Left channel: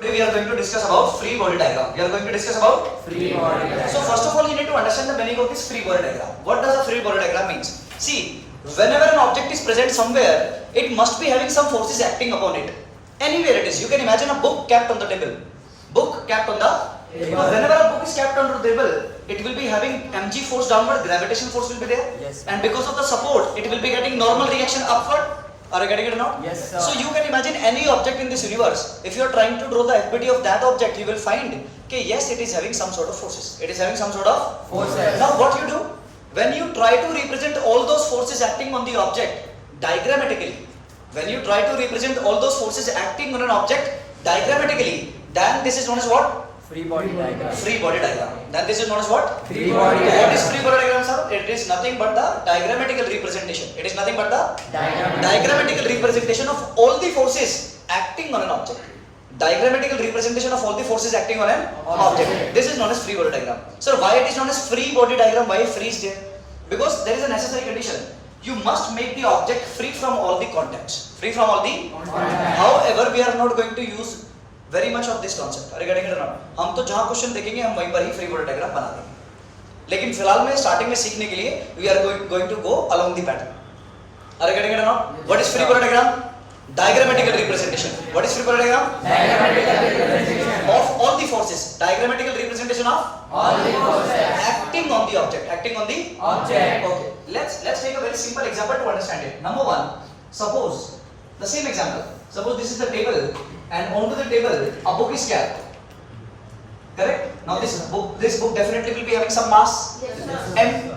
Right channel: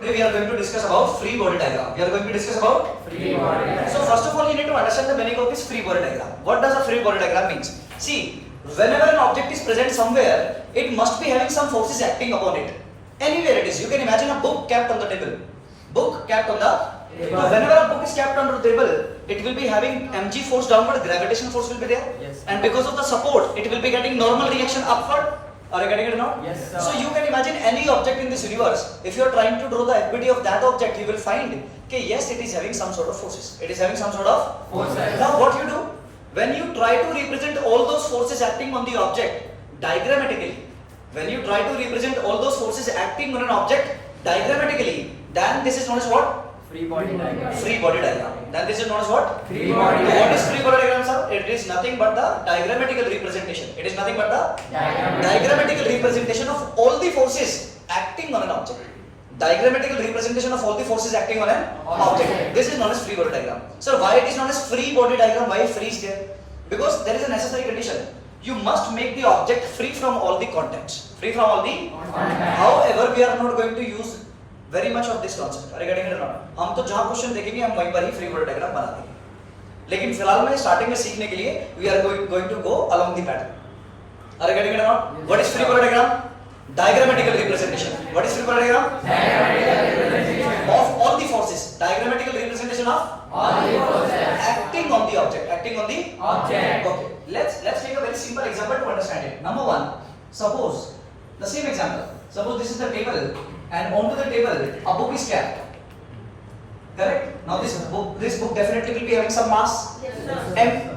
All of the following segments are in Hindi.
Today we are going to discuss about free body diagram. We are going to discuss about free body diagram. So first of all, you need to understand the meaning of this free body diagram. What does a free body diagram means? See, whenever an object is present somewhere, it must be having some forces acting upon it. Anywhere it is. You can imagine a book kept on the table. Book kept on the table. Whenever a book is kept on the table, it will be having mg force downward, gravitational force will be there. Yes. And because of the support, it will be getting normal reaction upward. Are you getting it now? Yes, sir. So you can imagine any object in this universe. If you are trying to draw the FBD of that object, you will find that yes, it is having some sort of forces. It is having some sort of forces. Now what you do? When you try to represent all those forces acting on the object diagrammatically, when you try to represent all those forces acting on an object diagrammatically, then this is known as what? Free body diagram. Free body diagram. Then this is known as what? Free body So diagram. what is free body diagram, sir? It is nothing but the diagrammatical representation. It is nothing but the diagrammatical representation of all the forces acting on an object. Diagrammatical representation of all the forces acting on an object. This is known as free body diagram. So why it is known as free body diagram? Why free is there? Because there is a necessary condition. You must make the object free from all the contacts. Free from all the. However, we are not going to use very much of this concept. Are you getting it or not? हम तो जहाँ क्वेश्चन देखेंगे हम वहीं पर ही फ्री बॉडी डायग्राम बना देंगे. लेकिन फिलहाल में स्टार्टिंग में सीखने के लिए we are going to go along the pattern. Are you getting it or not? What is free body diagram? Diagrammatical representation. What is free body diagram? Diagrammatical representation Of all the forces. Diagrammatical representation of all the forces acting on the object. Acting on the object. Okay. Let's take a very simple example to understand it. Number one, suppose the same example. Suppose this is the table, and onto the table a book is kept. Correct? Now this book definitely will be having some mass. M.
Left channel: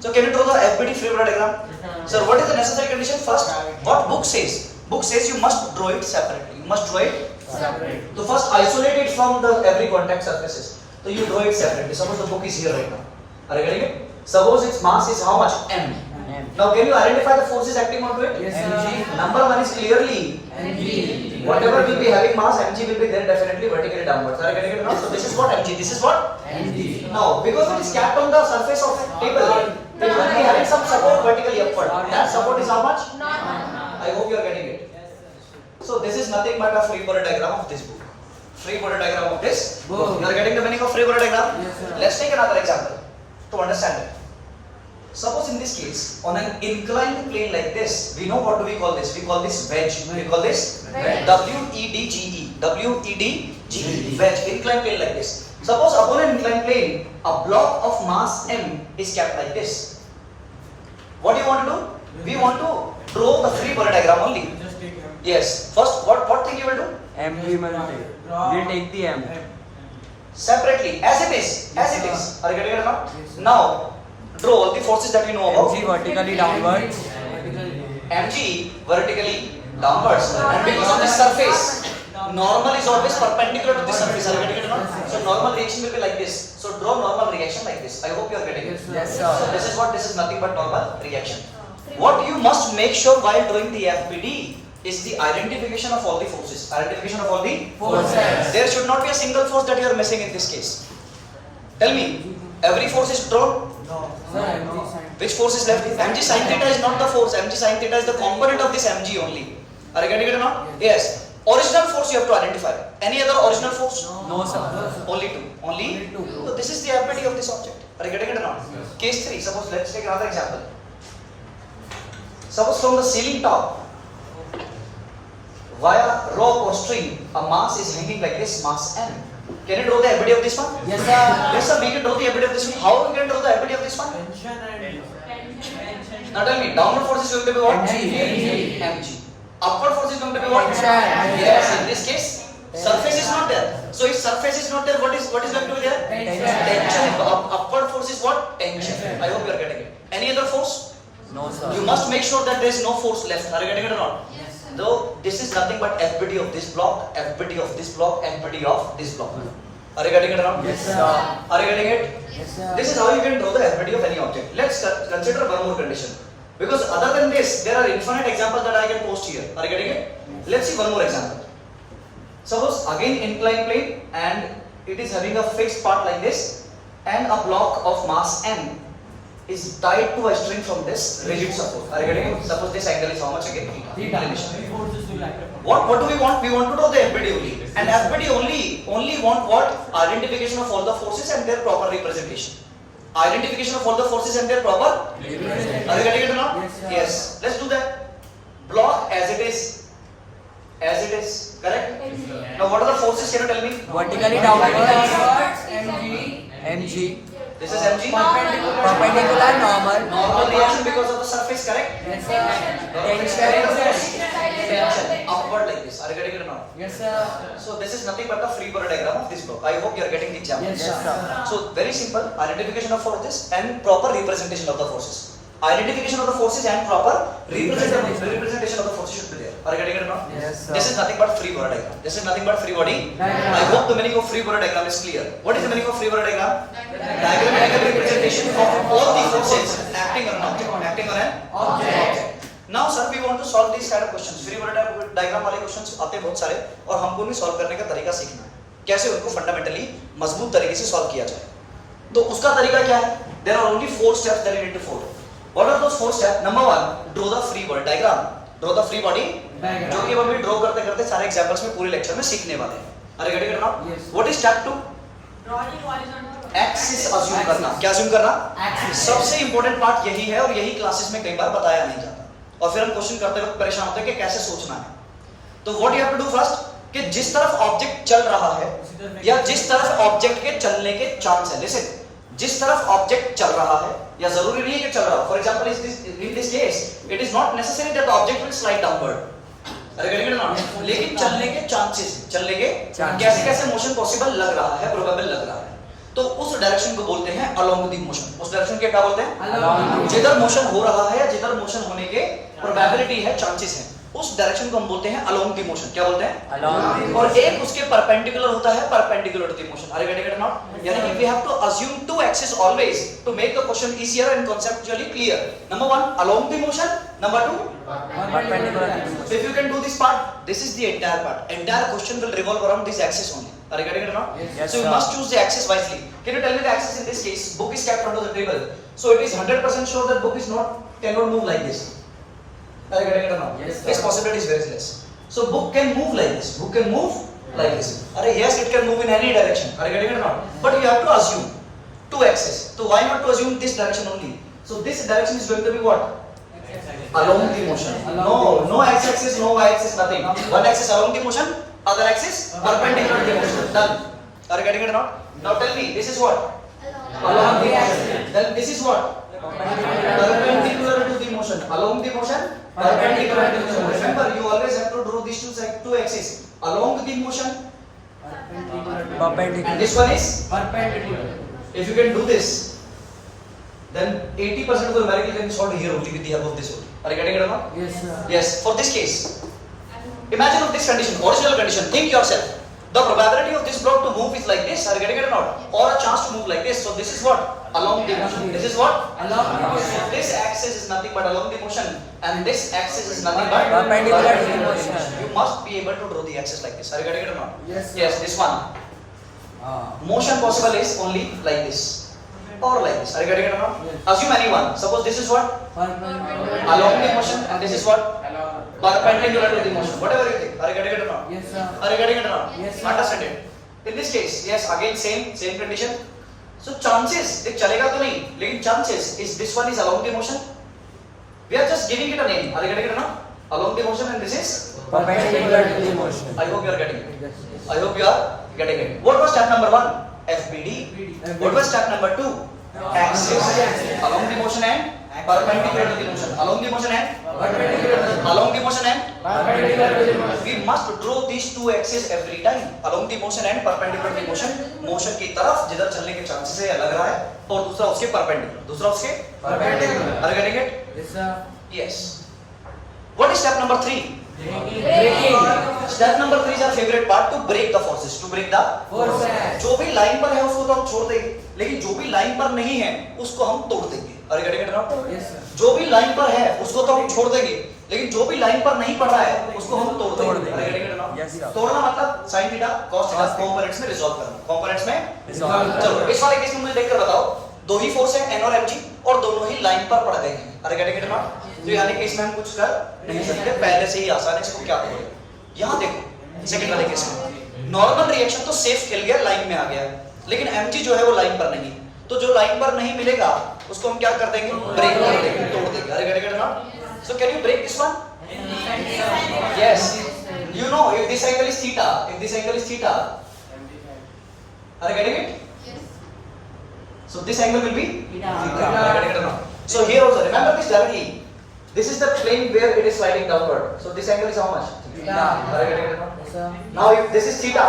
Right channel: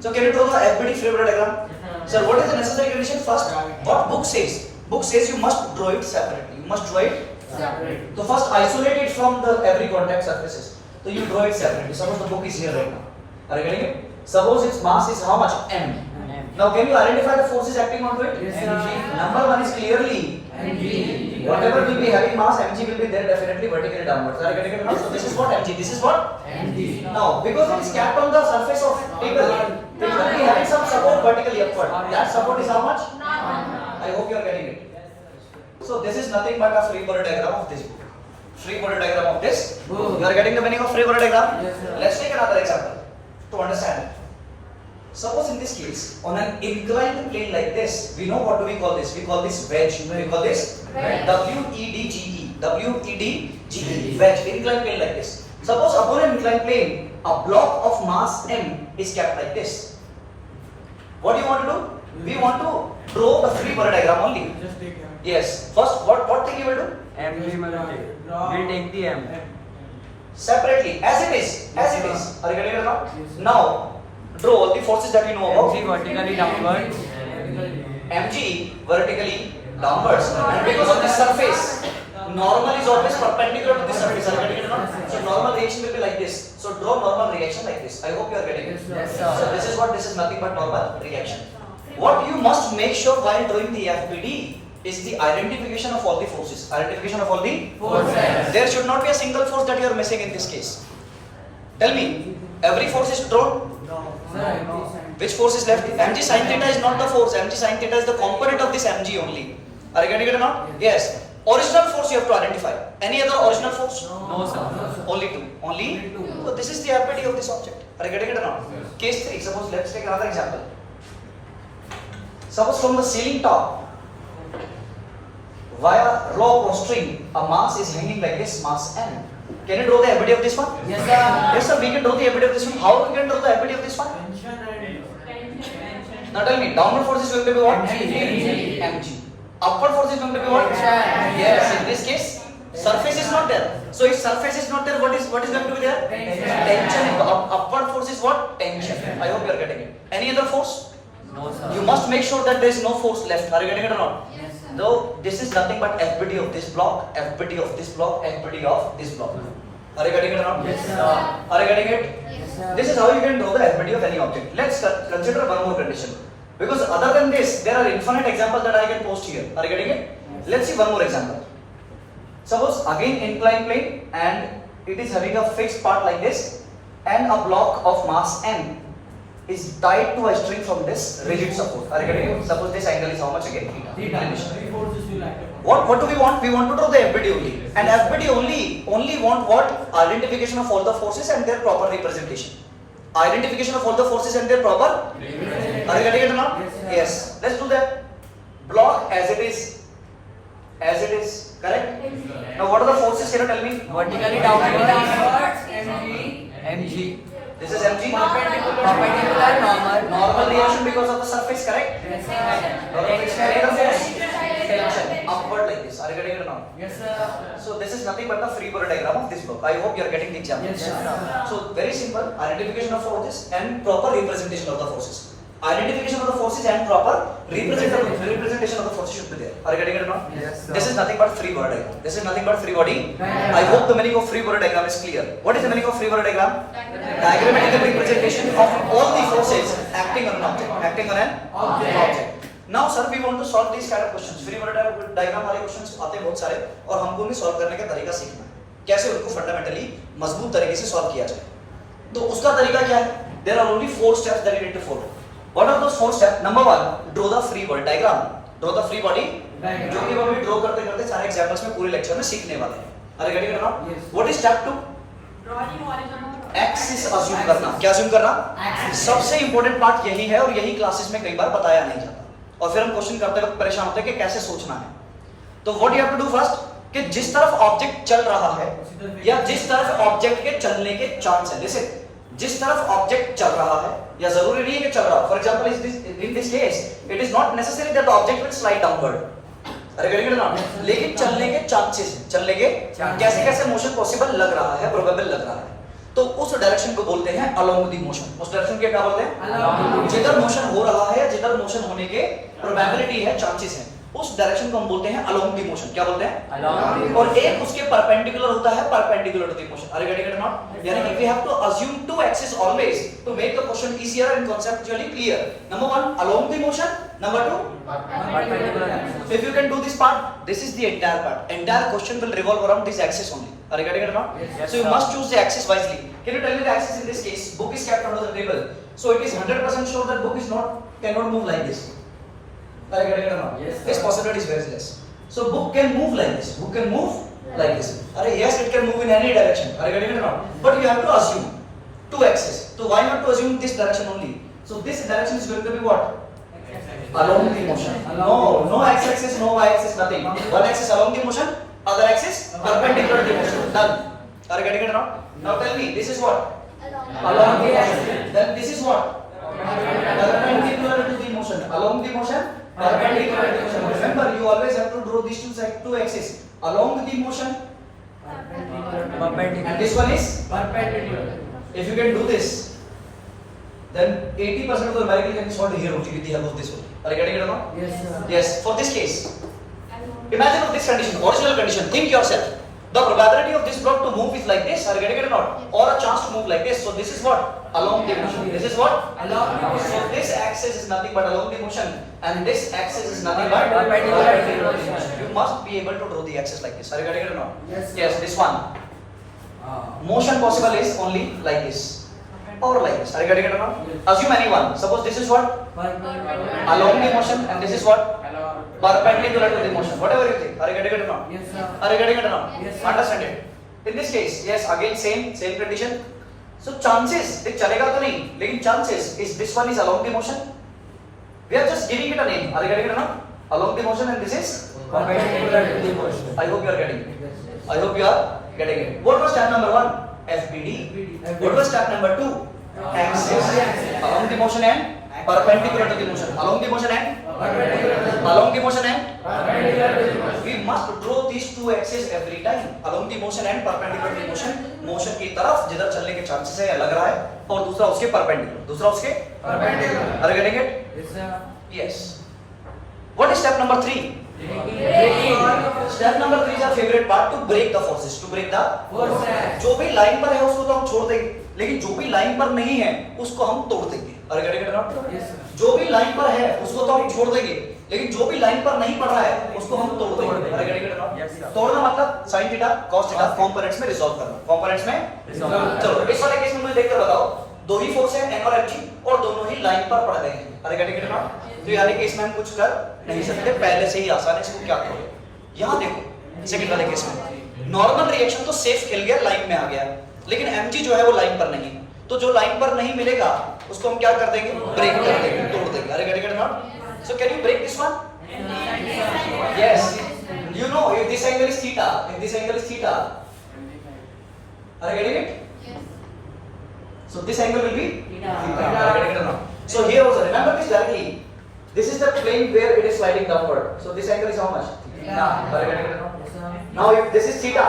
So can you draw the FBD free body diagram? Sir, what is the necessary condition? First, what book says? Book says you must draw it separately. You must draw it. Separate. So first isolate it from the every contact surfaces. So you draw it separately. Suppose the book is here right now. Are you getting it? Suppose its mass is how much? M. Now can you identify the forces acting onto it? Yes, sir. Number one is clearly Mg. whatever will be having mass, mg will be there definitely vertically downwards. Are you getting it now? So this is what mg. This is what? Mg. Now because it is capped on the surface of table, it will be having some support vertically upward. That support is how much? I hope you are getting it. So this is nothing but a free body diagram of this book. Free body diagram of this book. You are getting the meaning of free body diagram? Yes, sir. Let's take another example to understand it. Suppose in this case, on an inclined plane like this, we know what do we call this? We call this wedge. We call this Wedge. W-E-D-G-E. W-E-D-G-E. Wedge. Inclined plane like this. Suppose upon an inclined plane, a block of mass M is kept like this. What do you want to do? We want to draw the free body diagram only. Just take Yes. First, what thing you will do? Mg. We take the M. Separately, as it is. As it is. Are you getting it or not? Yes. Now, draw all the forces that you know about. Mg vertically downwards. mg vertically downwards, and because of this surface, normal is always perpendicular to this surface. Are you getting it or not? So normal reaction will be like this. So draw normal reaction like this. I hope you are getting it. Yes, sir. So this is what, this is nothing but normal reaction. What you must make sure while drawing the FBD is the identification of all the forces. Identification of all the Forces. There should not be a single force that you are missing in this case. Tell me, every force is drawn. Which force is left? Mg sin theta is not the force. Mg sin theta is the component of this mg only. Are you getting it or not? Yes. Original force you have to identify. Any other original force? No, sir. Only two. Only two. So this is the FBD of this object. Are you getting it or not? Case 3. Suppose let's take another example. Suppose from the ceiling top, via rope or string, a mass is hanging like this, mass m. Can you draw the FBD of this one? Yes, sir. Yes, sir. We can draw the FBD of this one. How we can draw the FBD of this one? Now tell me, downward force is going to be what? Mg. Mg. Upward force is going to be what? Yes, in this case, surface is not there. So if surface is not there, what is going to be there? Tension. Upward force is what? Tension. I hope you are getting it. Any other force? No, sir. You must make sure that there is no force left. Are you getting it or not? Though this is nothing but FBD of this block, FBD of this block, FBD of this block. Are you getting it or not? Yes, sir. Are you getting it? Yes, sir. This is how you can draw the FBD of any object. Let's consider one more condition. Because other than this, there are infinite examples that I can post here. Are you getting it? Let's see one more example. Suppose again inclined plane, and it is having a fixed part like this and a block of mass m. is tied to a string from this rigid support. Are you getting it? Suppose this angle is how much again? Theta. Inclination. What do we want? We want to draw the FBD only. And FBD only want what? Identification of all the forces and their proper representation. Identification of all the forces and their proper representation. Are you getting it or not? Yes. Let's do that. Block as it is. As it is. Correct? Now what are the forces? Can you tell me? Vertically downward mg. This is mg. Perpendicular Normal reaction because of the surface, correct? Normal reaction. Tension upward like this. Are you getting it now? Yes, sir. So this is nothing but the free body diagram of this block. I hope you are getting the example. Yes, sir. So very simple identification of forces and proper representation of the forces. Identification of the forces and proper representation of the forces should be there. Are you getting it now? Yes, sir. This is nothing but free body diagram. This is nothing but free body Diagram. I hope the meaning of free body diagram is clear. What is the meaning of free body diagram? Diagrammatical representation of all the forces acting on an object. Acting on an object. Now sir, we want to solve these kind of questions. Free body diagram वाले क्वेश्चंस आते हैं बहुत सारे और हमको उन्हें सॉल्व करने का तरीका सीखना है कैसे उनको फंडामेंटली मजबूत तरीके से सॉल्व किया जाए तो उसका तरीका क्या है there are only 4 steps that you need to follow what are those 4 step number 1 draw the free body diagram draw the free body जो कि हम अभी ड्रॉ करते करते सारे एग्जांपल्स में पूरे लेक्चर में सीखने वाले हैं अरे get it now what is step 2 axis assume करना क्या अज्यूम करना सबसे इंपॉर्टेंट पार्ट यही है और यही क्लासेस में कई बार बताया नहीं जाता और फिर हम क्वेश्चन करते वक्त परेशान होते हैं कि कैसे सोचना है तो what you have to do first कि जिस तरफ ऑब्जेक्ट चल रहा है या जिस तरफ ऑब्जेक्ट के चलने के चांस है जैसे जिस तरफ ऑब्जेक्ट चल रहा है या जरूरी नहीं है कि चल रहा हो for example in this case it is not necessary that the object will slide downward अरे गेटिंग इट नॉट लेकिन चलने के चांसेस चलने के कैसे कैसे मोशन पॉसिबल लग रहा है प्रोबेबल लग रहा है तो उस डायरेक्शन को बोलते हैं अलोंग द मोशन उस डायरेक्शन के क्या बोलते हैं जिधर मोशन हो रहा है या जिधर मोशन होने के प्रोबेबिलिटी है चांसेस है उस डायरेक्शन को हम बोलते हैं अलोंग द मोशन क्या बोलते हैं और एक उसके परपेंडिकुलर होता है perpendicular to the motion are you getting it not यानी कि we have to assume two axis always to make the question easier and conceptually clear number 1 along the motion number 2 so if you can do this part this is the entire question will revolve around this axis only are you getting it now so you must choose the axis wisely can you tell me the axis in this case book is kept under the table so it is 100% sure that book is not cannot move like this are you getting it now this possibility is very less so book can move like this book can move like this are yes it can move in any direction are you getting it now but you have to assume two axis so why not to assume this direction only so this direction is going to be what along the motion no x axis no y axis nothing one axis along the motion other axis perpendicular to the motion done are you getting it now tell me this is what along the motion then this is what perpendicular to the motion along the motion perpendicular to the motion remember you always have to draw these two axes along the motion and this one is Perpendicular. if you can do this then 80% of the numerical can be solved here only with the help of this one are you getting it or not Yes, sir. yes for this case imagine of this condition original condition think yourself the probability of this block to move is like this are you getting it or not or a chance to move like this so this is what along the motion this is what Along the motion. so this axis is nothing but along the motion and this axis is nothing but Perpendicular perpendicular to the motion you must be able to draw the axis like this are you getting it or not Yes, sir. yes this one motion possible is only like this or like this are you getting it or not Yes. assume any one suppose this is what Perpendicular. along the motion and this is what perpendicular to the motion whatever you think are you getting it or not Yes, sir. are you getting it or not Yes, sir. understand it in this case yes again same condition so chances देख चलेगा तो नहीं लेकिन chances is this one is along the motion we are just giving it a name are you getting it or not along the motion and this is Perpendicular to the motion. I hope you are getting it Yes, yes. I hope you are getting it what was step number 1 FBD what was step number 2 axis along the motion and perpendicular to the motion along the motion and Perpendicular to the along the motion and Perpendicular to the motion. we must draw these two axes every time along the motion and perpendicular to the motion motion की तरफ जिधर चलने के चांसेस है या लग रहा है और दूसरा उसके perpendicular दूसरा उसके Perpendicular. are you getting it Yes, sir. yes what is step number 3 step number 3 is our favorite part to break the forces to break the Forces. जो भी लाइन पर है उसको तो हम छोड़ देंगे लेकिन जो भी लाइन पर नहीं है उसको हम तोड़ देंगे are you getting it or not Yes, sir. जो भी लाइन पर है उसको तो हम छोड़ देंगे लेकिन जो भी लाइन पर नहीं पड़ रहा है उसको हम तोड़ देंगे तोड़ देंगे। अरे getting it or not? Yes, sir. तोड़ना मतलब sin theta cos theta components में रिजॉल्व करना कंपोनेंट्स में Resolve चलो इस वाले केस में मुझे देखकर बताओ दो ही फोर्स है एन और mg और दोनों ही लाइन पर पड़ गए हैं। अरे गेट इट नॉट? तो यानी कि इसमें हम कुछ कर नहीं सकते, पहले से ही आसान है, इसको क्या करोगे। यहाँ देखो सेकंड वाले केस में नॉर्मल रिएक्शन तो सेफ खेल गया, लाइन में आ गया, लेकिन mg जो है वो लाइन पर नहीं, तो जो लाइन पर नहीं मिलेगा उसको हम क्या कर देंगे, ब्रेक कर देंगे, तोड़ देंगे। Are get it not? So can you break this one? Yes, you know if this angle is theta, if this angle is theta, are you getting it? So this angle will be theta. Are you getting it or not? So here also remember this directly. This is the plane where it is sliding downward. So this angle is how much? Theta. Are you getting it or not? Now if this is theta,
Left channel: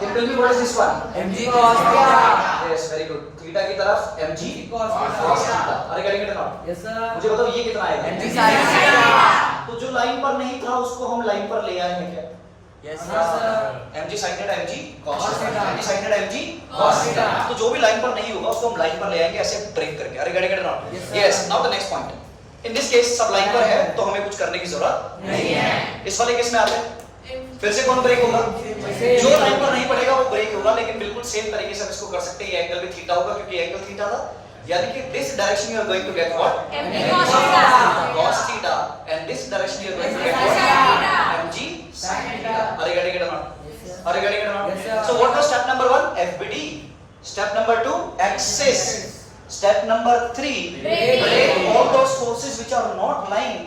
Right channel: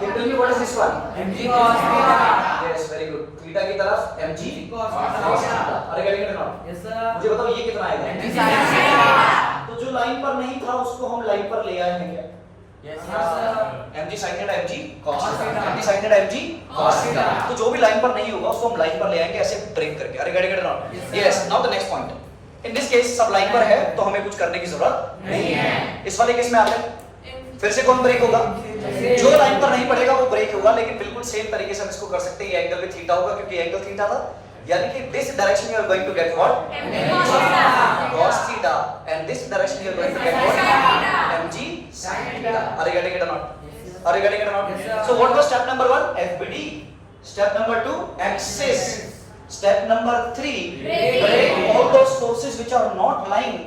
then tell me what is this one? mg cos theta. Yes, very good. Theta की तरफ mg cos theta. Are you getting it or not? Yes sir. मुझे बताओ ये कितना आएगा? तो जो लाइन पर नहीं था उसको हम लाइन पर ले आए हैं क्या? Yes sir. mg sin theta mg cos theta, mg sin theta mg cos theta। तो जो भी लाइन पर नहीं होगा उसको हम लाइन पर ले आएंगे ऐसे ब्रेक करके। अरे get it not? Yes. Now the next point, in this case सब लाइन पर है तो हमें कुछ करने की जरूरत नहीं है। इस वाले केस में आते हैं, फिर से कौन ब्रेक होगा? जो लाइन पर नहीं पड़ेगा वो ब्रेक होगा, लेकिन बिल्कुल सेम तरीके से हम इसको कर सकते हैं। ये एंगल भी थीटा होगा क्योंकि एंगल थीटा था, यानी कि this direction you are going to get what? cos theta, and this direction you are going to get what? mg sin theta। Are you getting it or not? Are you getting it or not? Yes, sir. So what was step number 1? FBD. Step number 2, axis. Step number 3, break all those forces which are not lying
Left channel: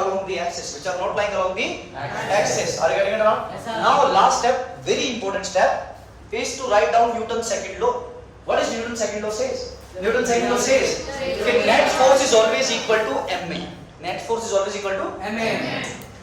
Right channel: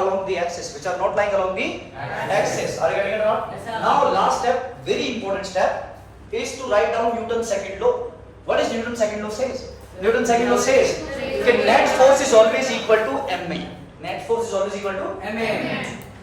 along the axis, which are not lying along the axis। Are you getting it or not? Yes, sir. Now last step, very important step, is to write down Newton's second law. What is Newton's second law says? Newton's second law says कि net force is always equal to ma। Net force is always equal to ma।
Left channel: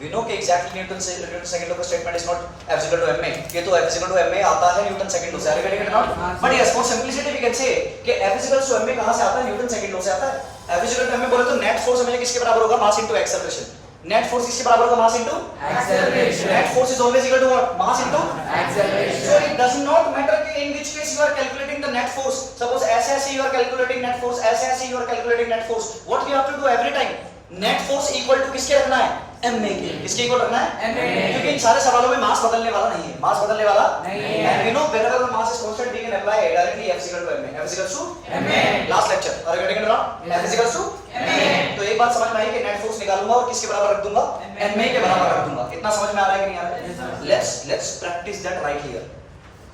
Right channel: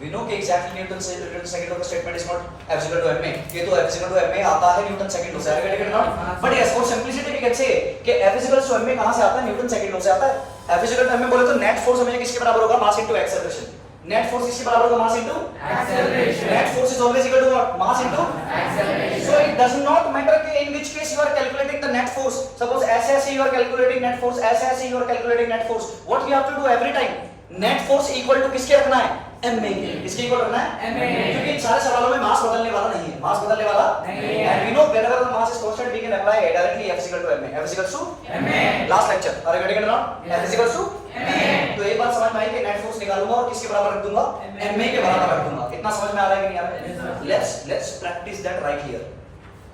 We know कि exactly Newton's second law का statement is not F is equal to ma। ये तो F is equal to ma आता है Newton's second law से। Are you getting it or not? But yes, for simplicity we can say कि F is equal to ma कहाँ से आता है? Newton's second law से आता है। F is equal to ma बोले तो net force हमेशा किसके बराबर होगा? Mass into acceleration। Net force किसके बराबर होगा? Mass into Acceleration। Net force is always equal to what? Mass into Acceleration। So it does not matter कि in which case you are calculating the net force. Suppose ऐसे you are calculating net force, ऐसे you are calculating net force. What you have to do every time? Net force equal to किसके रखना है? ma के। किसके इक्वल रखना है? ma। क्योंकि इन सारे सवालों में मास बदलने वाला नहीं है। मास बदलने वाला नहीं है। And we know wherever the mass is constant we can apply directly F is equal to ma। F is equal to ma। last lecture। Are you getting it now? F is equal to ma। तो एक बात समझ में आई कि नेट फोर्स निकालूंगा और किसके बराबर रख दूंगा? ma के बराबर रख दूंगा। इतना समझ में आ रहा है कि नहीं आ रहा है? Let's practice that right here.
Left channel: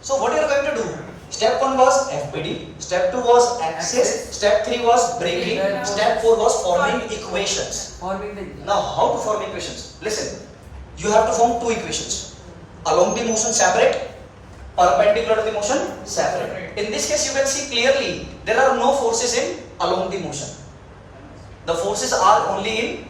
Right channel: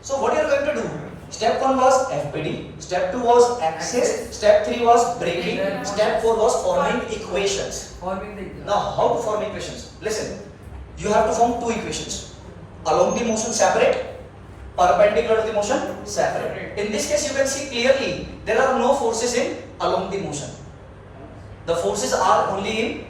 So what you are going to do? Step 1 was FBD, step 2 was axis, step 3 was breaking, step 4 was forming equations. Forming the Now how to form equations? Listen, you have to form two equations. Along the motion separate, perpendicular to the motion separate. In this case you can see clearly there are no forces in along the motion. The forces are only in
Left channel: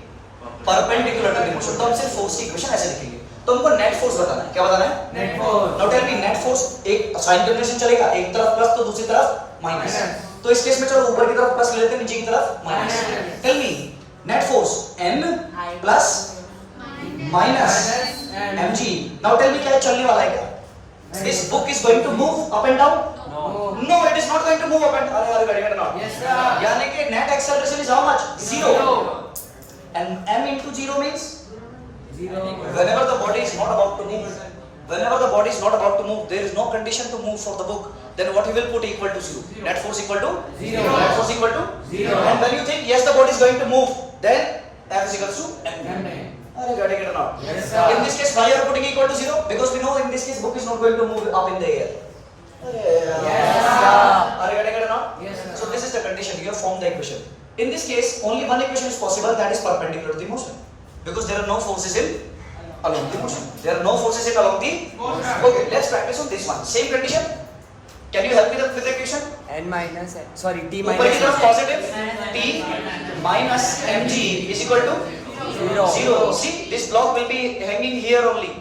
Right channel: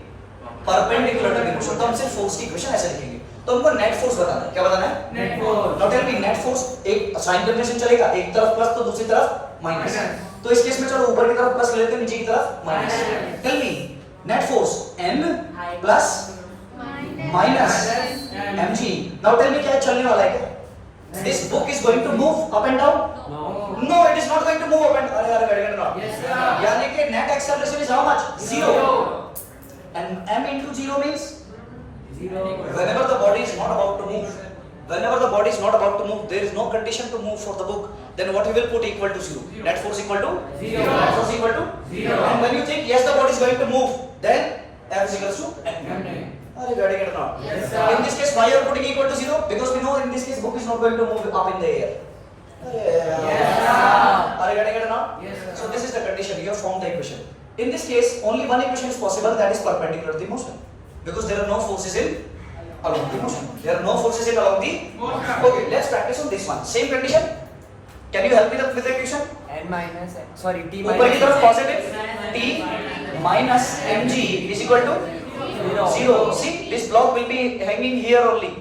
perpendicular to the motion. तो हम सिर्फ फोर्स की इक्वेशन ऐसे लिखेंगे। तो हमको नेट फोर्स बताना है। क्या बताना है? net force। Now tell me net force एक साइन कन्वेंशन चलेगा, एक तरफ प्लस तो दूसरी तरफ माइनस। तो इस केस में चलो ऊपर की तरफ प्लस ले लेते हैं, नीचे की तरफ minus. Tell me net force m plus minus mg। Now tell me क्या चलने वाला है क्या? This book is going to move up and down? No, it is not going to move up and अरे very not. Yes sir। यानी कि net acceleration is how much? 0. And m into 0 means zero। whenever the body is not about to move, whenever the body is not about to move, there is no condition to move for the book. Then what you will put equal to 0? Net force equal to 0। Net force equal to 0। And when you think yes the body is going to move, then F is equal to m. ma। Are you getting it or not? Yes, sir। In this case, why you are putting equal to 0? Because we know in this case book is not going to move up in the air. Yes, sir। Are you getting it or not? Yes, sir। So this is the condition. You have formed the equation. In this case, only one equation is possible, that is perpendicular to the motion, because there are no forces in along the motion. There are no forces in along the motion. Okay, let's practice on this one. Same condition. Can you help me with the equation? n minus sorry t ऊपर की तरफ positive t minus mg is equal to 0. See, this block will be hanging here only.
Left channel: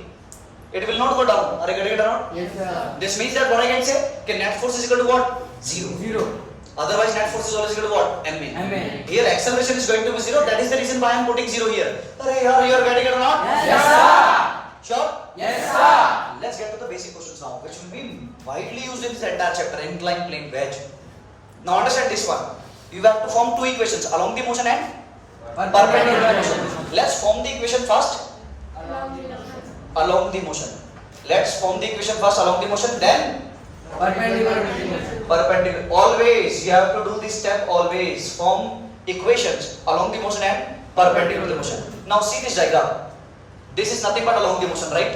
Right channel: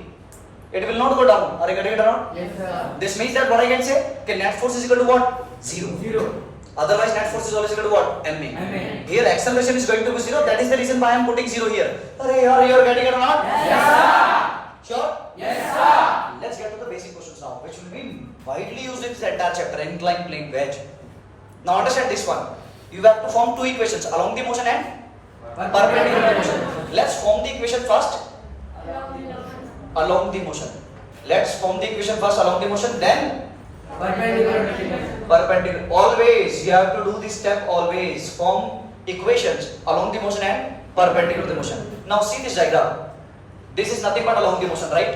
It will not go down. Are you getting it or not? yes sir This means that what I can say, that net force is equal to what? 0. 0 Otherwise, net force is always equal to what? ma. ma Here, acceleration is going to be 0. That is the reason why I am putting 0 here. Are you are getting it or not? yes sir Sure? yes sir Let's get to the basic questions now, which will be widely used in this entire chapter, inclined plane wedge. Now understand this one. You have to form two equations, along the motion and perpendicular to the motion. Let's form the equation first. Along the motion. Let's form the equation first along the motion, then Perpendicular. Always you have to do this step. Always form equations along the motion and perpendicular to the motion. Now see this diagram. This is nothing but along the motion, right?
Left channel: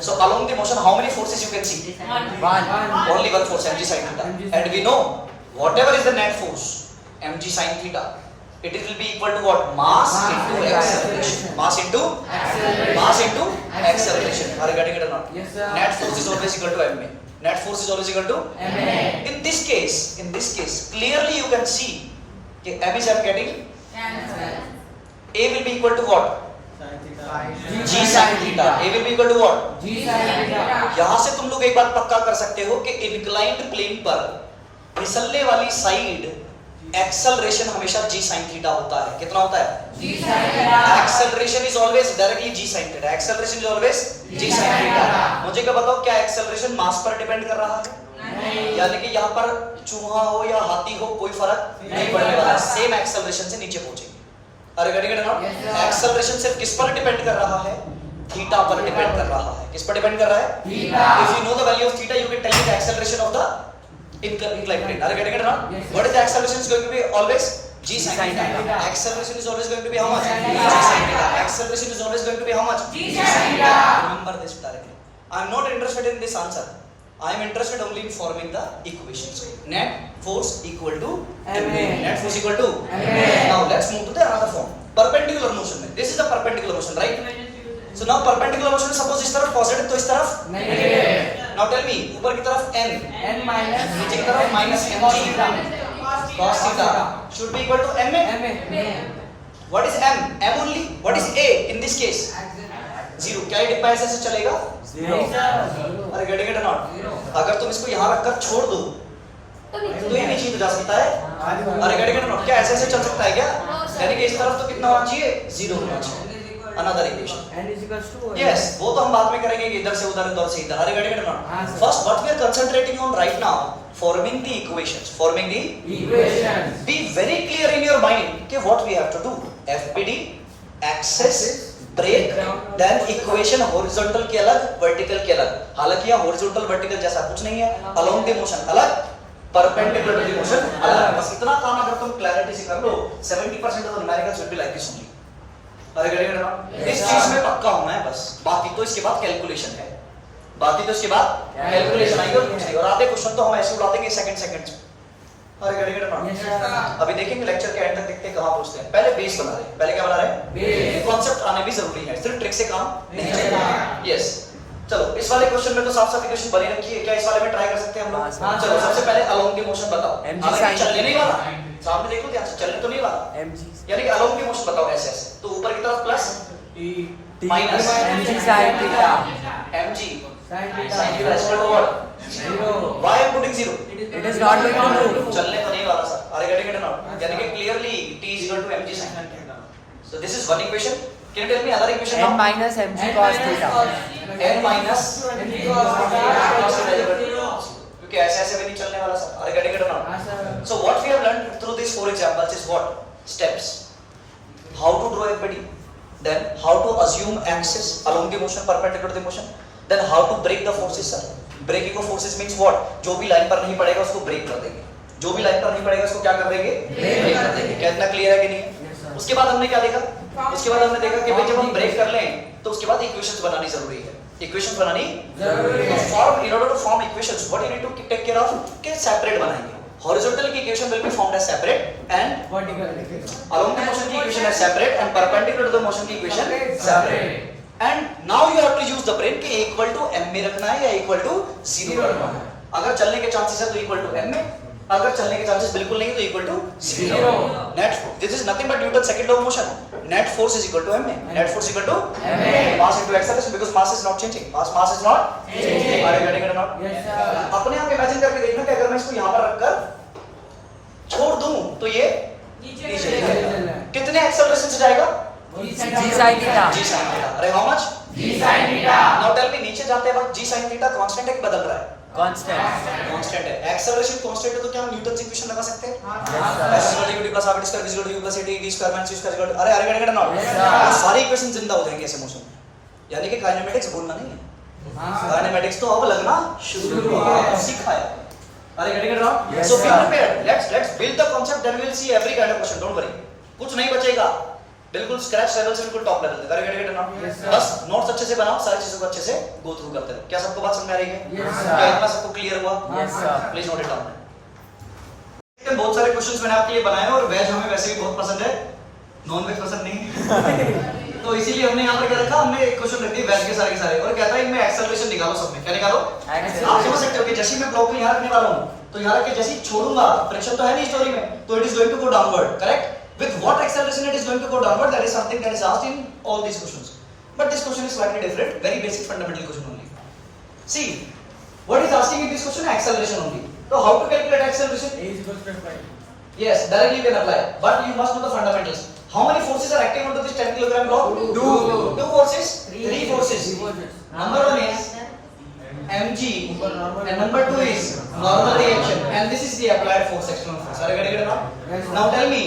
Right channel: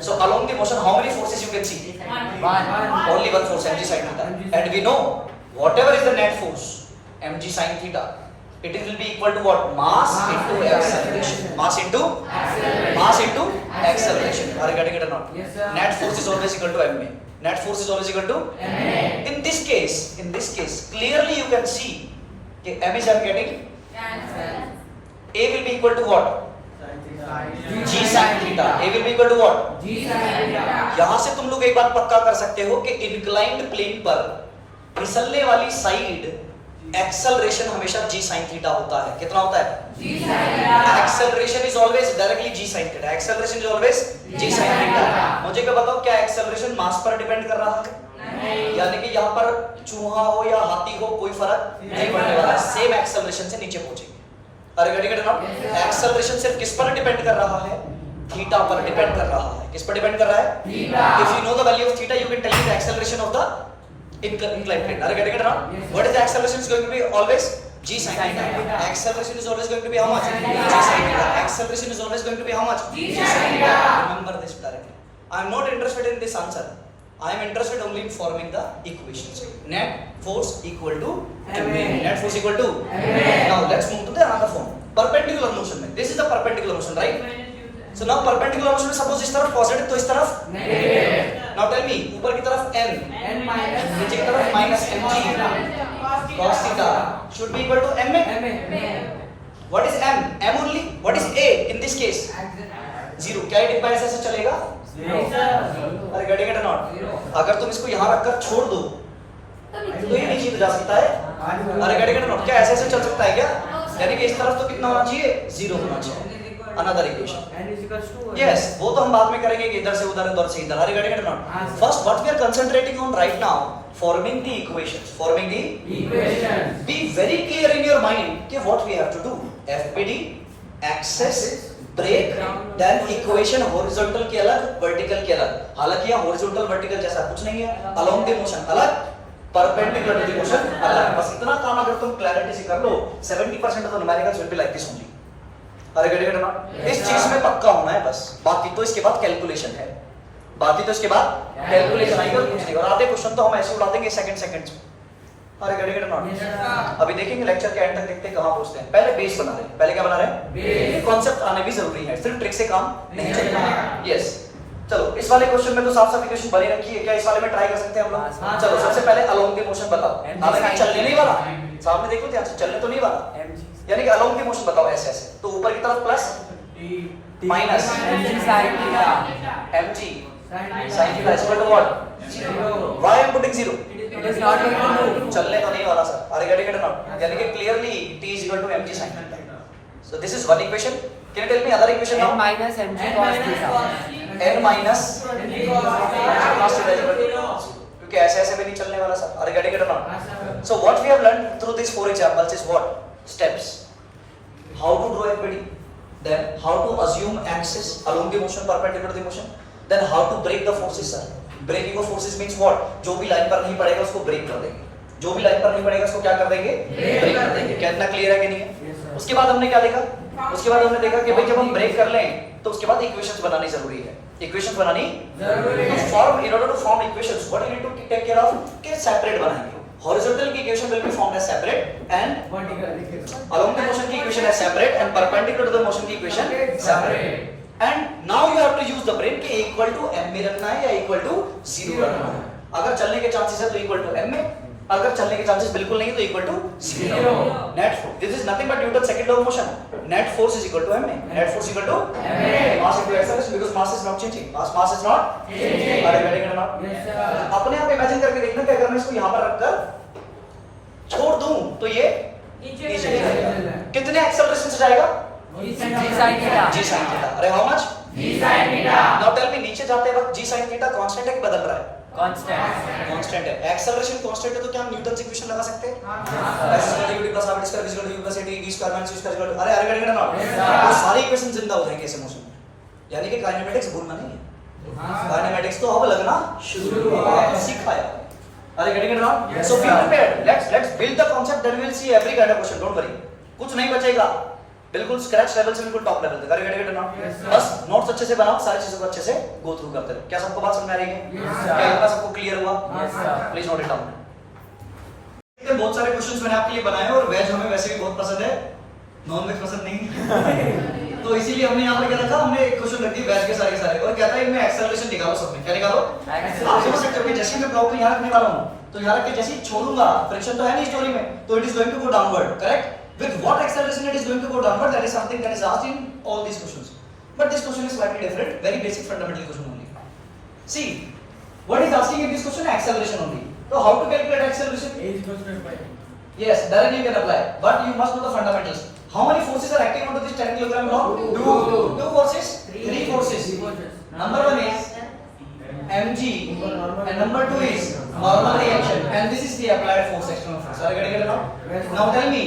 So along the motion, how many forces you can see? Only one force, mg sin theta. And we know whatever is the net force, mg sin theta, it will be equal to what? Mass into acceleration. Mass into acceleration. Are you getting it or not? Yes, sir. Net force is always equal to ma. Net force is always equal to MA. In this case, clearly you can see कि m is I'm getting a will be equal to what? g sin theta. A will be equal to what? यहाँ से तुम लोग एक बात पक्का कर सकते हो कि इंक्लाइंड प्लेन पर फिसलने वाली साइड एक्सेलरेशन हमेशा g sin थीटा होता है. कितना होता है? Acceleration is always directly g sin theta. Acceleration is always g sin theta. मुझे क्या बताओ, क्या एक्सेलरेशन मास पर डिपेंड कर रहा है? यानी कि यहाँ पर चूहा हो या हाथी हो कोई फर्क नहीं पड़ने वाला. सेम एक्सेलरेशन से नीचे पहुंचेंगे. अरे गेटिंग इट नॉट? एक्सेलरेशन सिर्फ किस पर डिपेंड कर रहा है? थीटा पर डिपेंड कर रहा है. किस पर डिपेंड कर रहा है? If you know the value of theta you can tell me the acceleration of the inclined plane. Are you getting it or not? Yes, what is the acceleration is going to be? Always g sin theta. Acceleration is always going to be how much? G sin theta. Acceleration is always going to be how much? G sin theta. Remember this directly. I am not interested in this answer. I am interested only in forming the equations. Net force equal to ma. Net force equal to ma. Now let's move to the another form. Perpendicular motion में. This is the perpendicular motion, right? So now perpendicular motion में suppose इस तरफ positive तो इस तरफ negative. Now tell me, ऊपर की तरफ n, N minus. नीचे की तरफ minus mg cos theta should be equal to ma. What is m? M only. What is a in this case? Zero. क्या ये डिब्बा ऐसे चलेगा? अरे getting it or not? अगर तुम इसको यहाँ रखकर छोड़ दो तो ये नीचे जा सकता है. अरे getting it or not? क्या ऐसे चल सकता है क्या? यानी कि इस तरफ तो कितना होना चाहिए? Zero होना चाहिए. Another equation. N is equals to. Yes, वो तो हम बाद में करेंगे कि इधर से उधर से इधर. Are you getting it or not? हाँ, sir. First, what we are concentrating on right now, forming the equations. Forming the. Equation. Be very clear in your mind कि what we have to do. FPD, axis, break, then equation horizontal के अलग, vertical के अलग. हालांकि यहाँ horizontal vertical जैसा कुछ नहीं है. Along the motion अलग, perpendicular to the motion अलग. बस इतना काम अगर तुम clarity से कर लो, 70% of the numericals will be like this only. अरे गेटिंग इट नॉट? इस चीज में पक्का होना है बस. बाकी तो इसके बाद कैलकुलेशन है. बाकी तो इसके बाद कैलकुलेशन आएगी और कुछ नहीं. और आधे क्वेश्चन तो हम ऐसे उड़ा देंगे सेकंड. अरे गेटिंग इट नॉट? अभी देखेंगे लेक्चर के एंड तक देखते हैं कहां पहुंचते हैं. पहले बेस बना रहे हैं. पहले क्या बना रहे हैं? ये कॉन्सेप्ट आने भी जरूरी है. सिर्फ ट्रिक से काम नहीं चलेगा. यस, चलो इस वाले क्वेश्चन में तो साफ साफ इक्वेशन बनी रखी है. क्या इस वाले में ट्राई कर सकते हैं हम लोग? चलो सबसे पहले अलोंग के मोशन बताओ. हालांकि चलने नहीं वाला, सामने देखो ध्यान से, चलने तो नहीं वाला. यानी कि अलोंग की मोशन बताओ ऐसे ऐसे. तो ऊपर की तरफ plus minus mg sin theta is equal to what? Why I am putting zero? It is not equal to. चलने तो नहीं वाला sir. Are you getting it or not? यानी कि clearly t is equal to mg sin theta. So this is one equation. Can you tell me other equation now? N minus mg cos theta. n minus mg cos theta is equal to. क्योंकि ऐसे ऐसे में नहीं चलने वाला sir. Are you getting it or not? So what we have learned through these four examples is what? Steps. How to draw FPD, then how to assume axis along the motion perpendicular to the motion, then how to break the forces sir. Breaking of forces means what? जो भी लाइन पर नहीं पड़ेगा उसको ब्रेक कर देंगे. जो भी लाइन पर नहीं पड़ेगा उसको क्या कर देंगे? ब्रेक कर देंगे. क्या इतना क्लियर है कि नहीं है? उसके बाद हमने क्या देखा? उसके बाद हमने देखा कि भाई जब हम ब्रेक कर लें तो उसके बाद इक्वेशंस बनानी जरूरी है. इक्वेशंस बनानी तो form in order to form equations what you need to take care of के सेपरेट बनाएंगे. Horizontal की equation will be formed as separate and along the motion की equation as separate and perpendicular to the motion की equation separate. And now you have to use the brain कि equal to m में रखना है या equal to 0 रखना है. अगर चलने के चांसेस है तो equal to m में, अगर चलने के चांसेस बिल्कुल नहीं है तो equal to 0. Net force. This is nothing but Newton's second law of motion. Net force is equal to m. Net force equal to mass into acceleration because mass is not changing. Mass is not changing. Are you getting it or not? Yes sir. अपने आप इमेजिन करके देखना कि अगर मैं इसको यहाँ पर रखकर छोड़ दूं तो ये नीचे जाएगा. कितने एक्सेलरेशन से जाएगा? G sin theta. g sin theta. Are how much? G sin theta. Now tell me, नीचे जाते वक्त g sin theta कांस्टेंट है कि बदल रहा है? Constant. कांस्टेंट है. एक्सेलरेशन कांस्टेंट है तो क्या हम न्यूटन की इक्वेशन लगा सकते हैं? s = v + r + v + at v ² - u ² अरे अरे अरे नॉट. वो सारी इक्वेशन जिंदा हो जाएंगे ऐसे मोशन में. यानी कि काइनेमेटिक्स भूलना नहीं है. काइनेमेटिक्स तो अब लगना शुरू हुआ, सिखाया। Are getting it now? So be prepared, let's build the concept, then we will see every kind of question, don't worry, कुछ नहीं बचेगा, बिल्कुल स्क्रैच लेवल से बिल्कुल टॉप लेवल तक। अरे गेटिंग इट नाउ? बस नोट्स अच्छे से बनाओ, सारी चीजों को अच्छे से गो थ्रू करते रहो। क्या सबको बात समझ में आ रही है? क्या इतना सबको क्लियर हुआ? Please note it down. बहुत सारे क्वेश्चंस मैंने आपके लिए बनाए हैं और वेज हमें वैसे भी बहुत पसंद है, नॉन वेज पसंद नहीं तो इसीलिए हमने यहाँ पर क्या रखा, हमने एक क्वेश्चन रख दिया वेज के सारे और कहता है इनमें एक्सेलरेशन निकालो सब में। क्या निकालो? आप समझ सकते हो कि जैसे मैं ब्लॉक को यहाँ रखने वाला हूँ तो यहाँ रख के जैसे ही छोड़ूंगा, फ्रिक्शन तो है नहीं स्टोरी में, तो it is going to go downward, correct? With what acceleration it is going to go downward? That is something that is asked in all these questions. But this question is slightly different, very basic fundamental question only. See, what is asking in this question? Acceleration only. So how to calculate acceleration? Yes, directly you can apply, but you must know the fundamentals. How many forces are acting onto this 10 kilogram block? Two forces, three forces. Number one is mg, and number two is normal reaction, and this is the applied force, external force. Are you getting it now? Now tell me.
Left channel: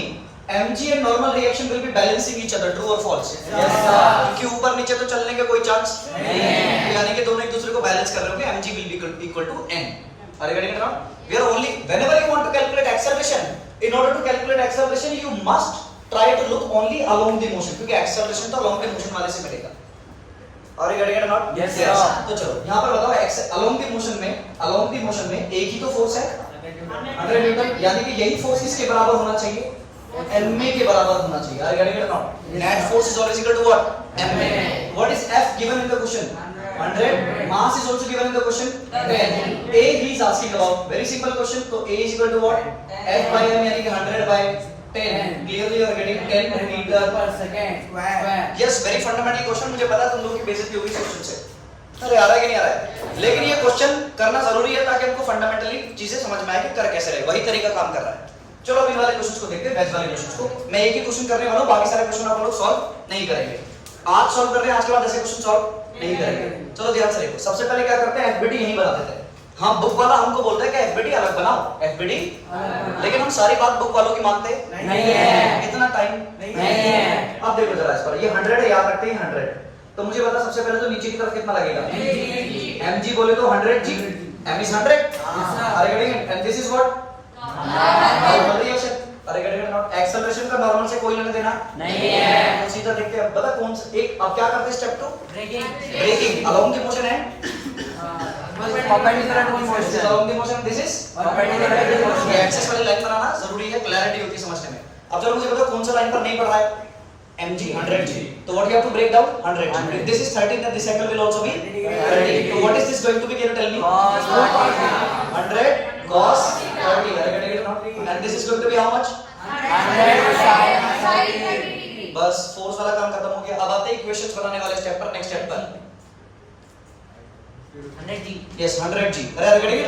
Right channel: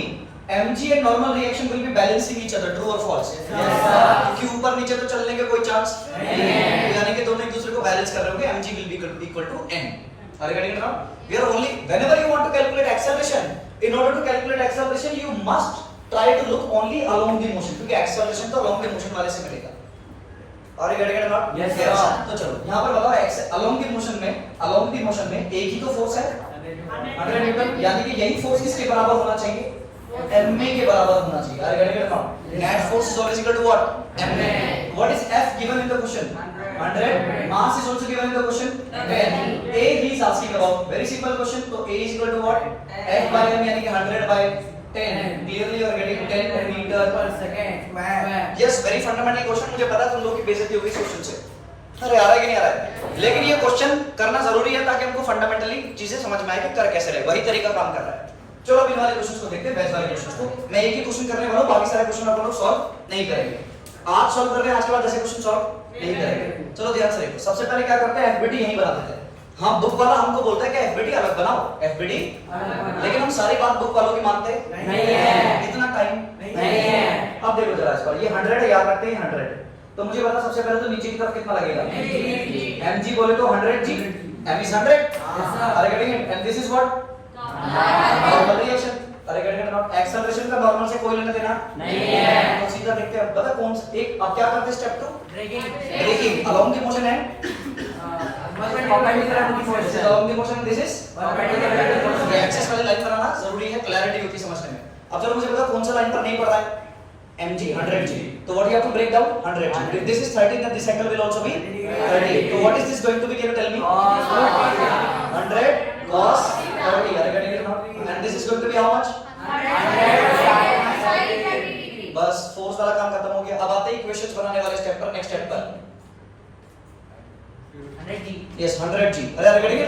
mg and normal reaction will be balancing each other, true or false? Yes sir. कि ऊपर नीचे तो चलने का कोई चांस नहीं है, यानी कि दोनों एक दूसरे को बैलेंस कर रहे होंगे, mg will be equal to n. Are you getting it now? We are only, whenever you want to calculate acceleration, in order to calculate acceleration you must try to look only along the motion, क्योंकि acceleration तो along the motion वाले से मिलेगा। Are you getting it or not? Yes sir. तो चलो यहाँ पर बताओ, along the motion में एक ही तो फोर्स है 100 न्यूटन, यानी कि यही फोर्स किसके बराबर होना चाहिए? ma के बराबर होना चाहिए। Are you getting it or not? Net force is always equal to what? ma. What is F given in the question? 100. Mass is also given in the question? 10. A he is asking about, very simple question, तो A is equal to what? F by m, यानी कि 100 by 10. Clearly you are getting 10 meter per second square. Yes, very fundamental question, मुझे पता है तुम लोगों की बेइज्जती होगी इस क्वेश्चन से। अरे आ रहा है कि नहीं आ रहा है? लेकिन ये क्वेश्चन करना जरूरी है ताकि हमको फंडामेंटली चीजें समझ में आए कि कर कैसे रहे, वही तरीका काम कर रहा है। चलो अब इन वाले क्वेश्चंस को देखते हैं, बैच वाले क्वेश्चंस को। मैं एक ही क्वेश्चन करने वाला हूं, बाकी सारे क्वेश्चन आप लोग सॉल्व नहीं करेंगे। आज सॉल्व कर रहे हैं, आज के बाद ऐसे क्वेश्चन सॉल्व नहीं करेंगे। चलो ध्यान से देखो, सबसे पहले क्या करते हैं, एफबीटी यहीं बना देते हैं। हां, बुक वाला हमको बोलता है कि एफबीटी अलग बनाओ, एफबीटी, लेकिन हम सारी बात बुक वालों की मानते नहीं है, इतना टाइम नहीं है। अब देखो जरा इस पर, ये 100 है, याद रखते हैं 100। तो मुझे बता सबसे पहले तो नीचे की तरफ कितना लगेगा? mg बोले तो 100g, m is 100। अरे getting it? And this is what? Normal reaction. अरे गेटिंग इट नॉट? एक्सेलरेशन का नॉर्मल से कोई लेना देना नहीं है। तो सीधा देखते हैं, बता कौन सा एक। अब क्या करते हैं step 2? Breaking. Along the motion है along the motion, this is ये एक्सेस वाली लाइन बनाना जरूरी है, क्लैरिटी होती है समझने में। अब चलो मुझे बता कौन सा लाइन पर नहीं पड़ रहा है? mg 100g, तो what you have to break down? 100g. If this is 30, then this angle will also be 30. So what is this going to be? Can you tell me? 100 cos 30. Are you getting it now? And this is going to be how much? 100. बस फोर्स वाला काम खत्म हो गया। अब आते हैं इक्वेशंस बनाने वाले स्टेप पर, नेक्स्ट स्टेप पर। 100g. Yes, 100g. अरे are you getting it?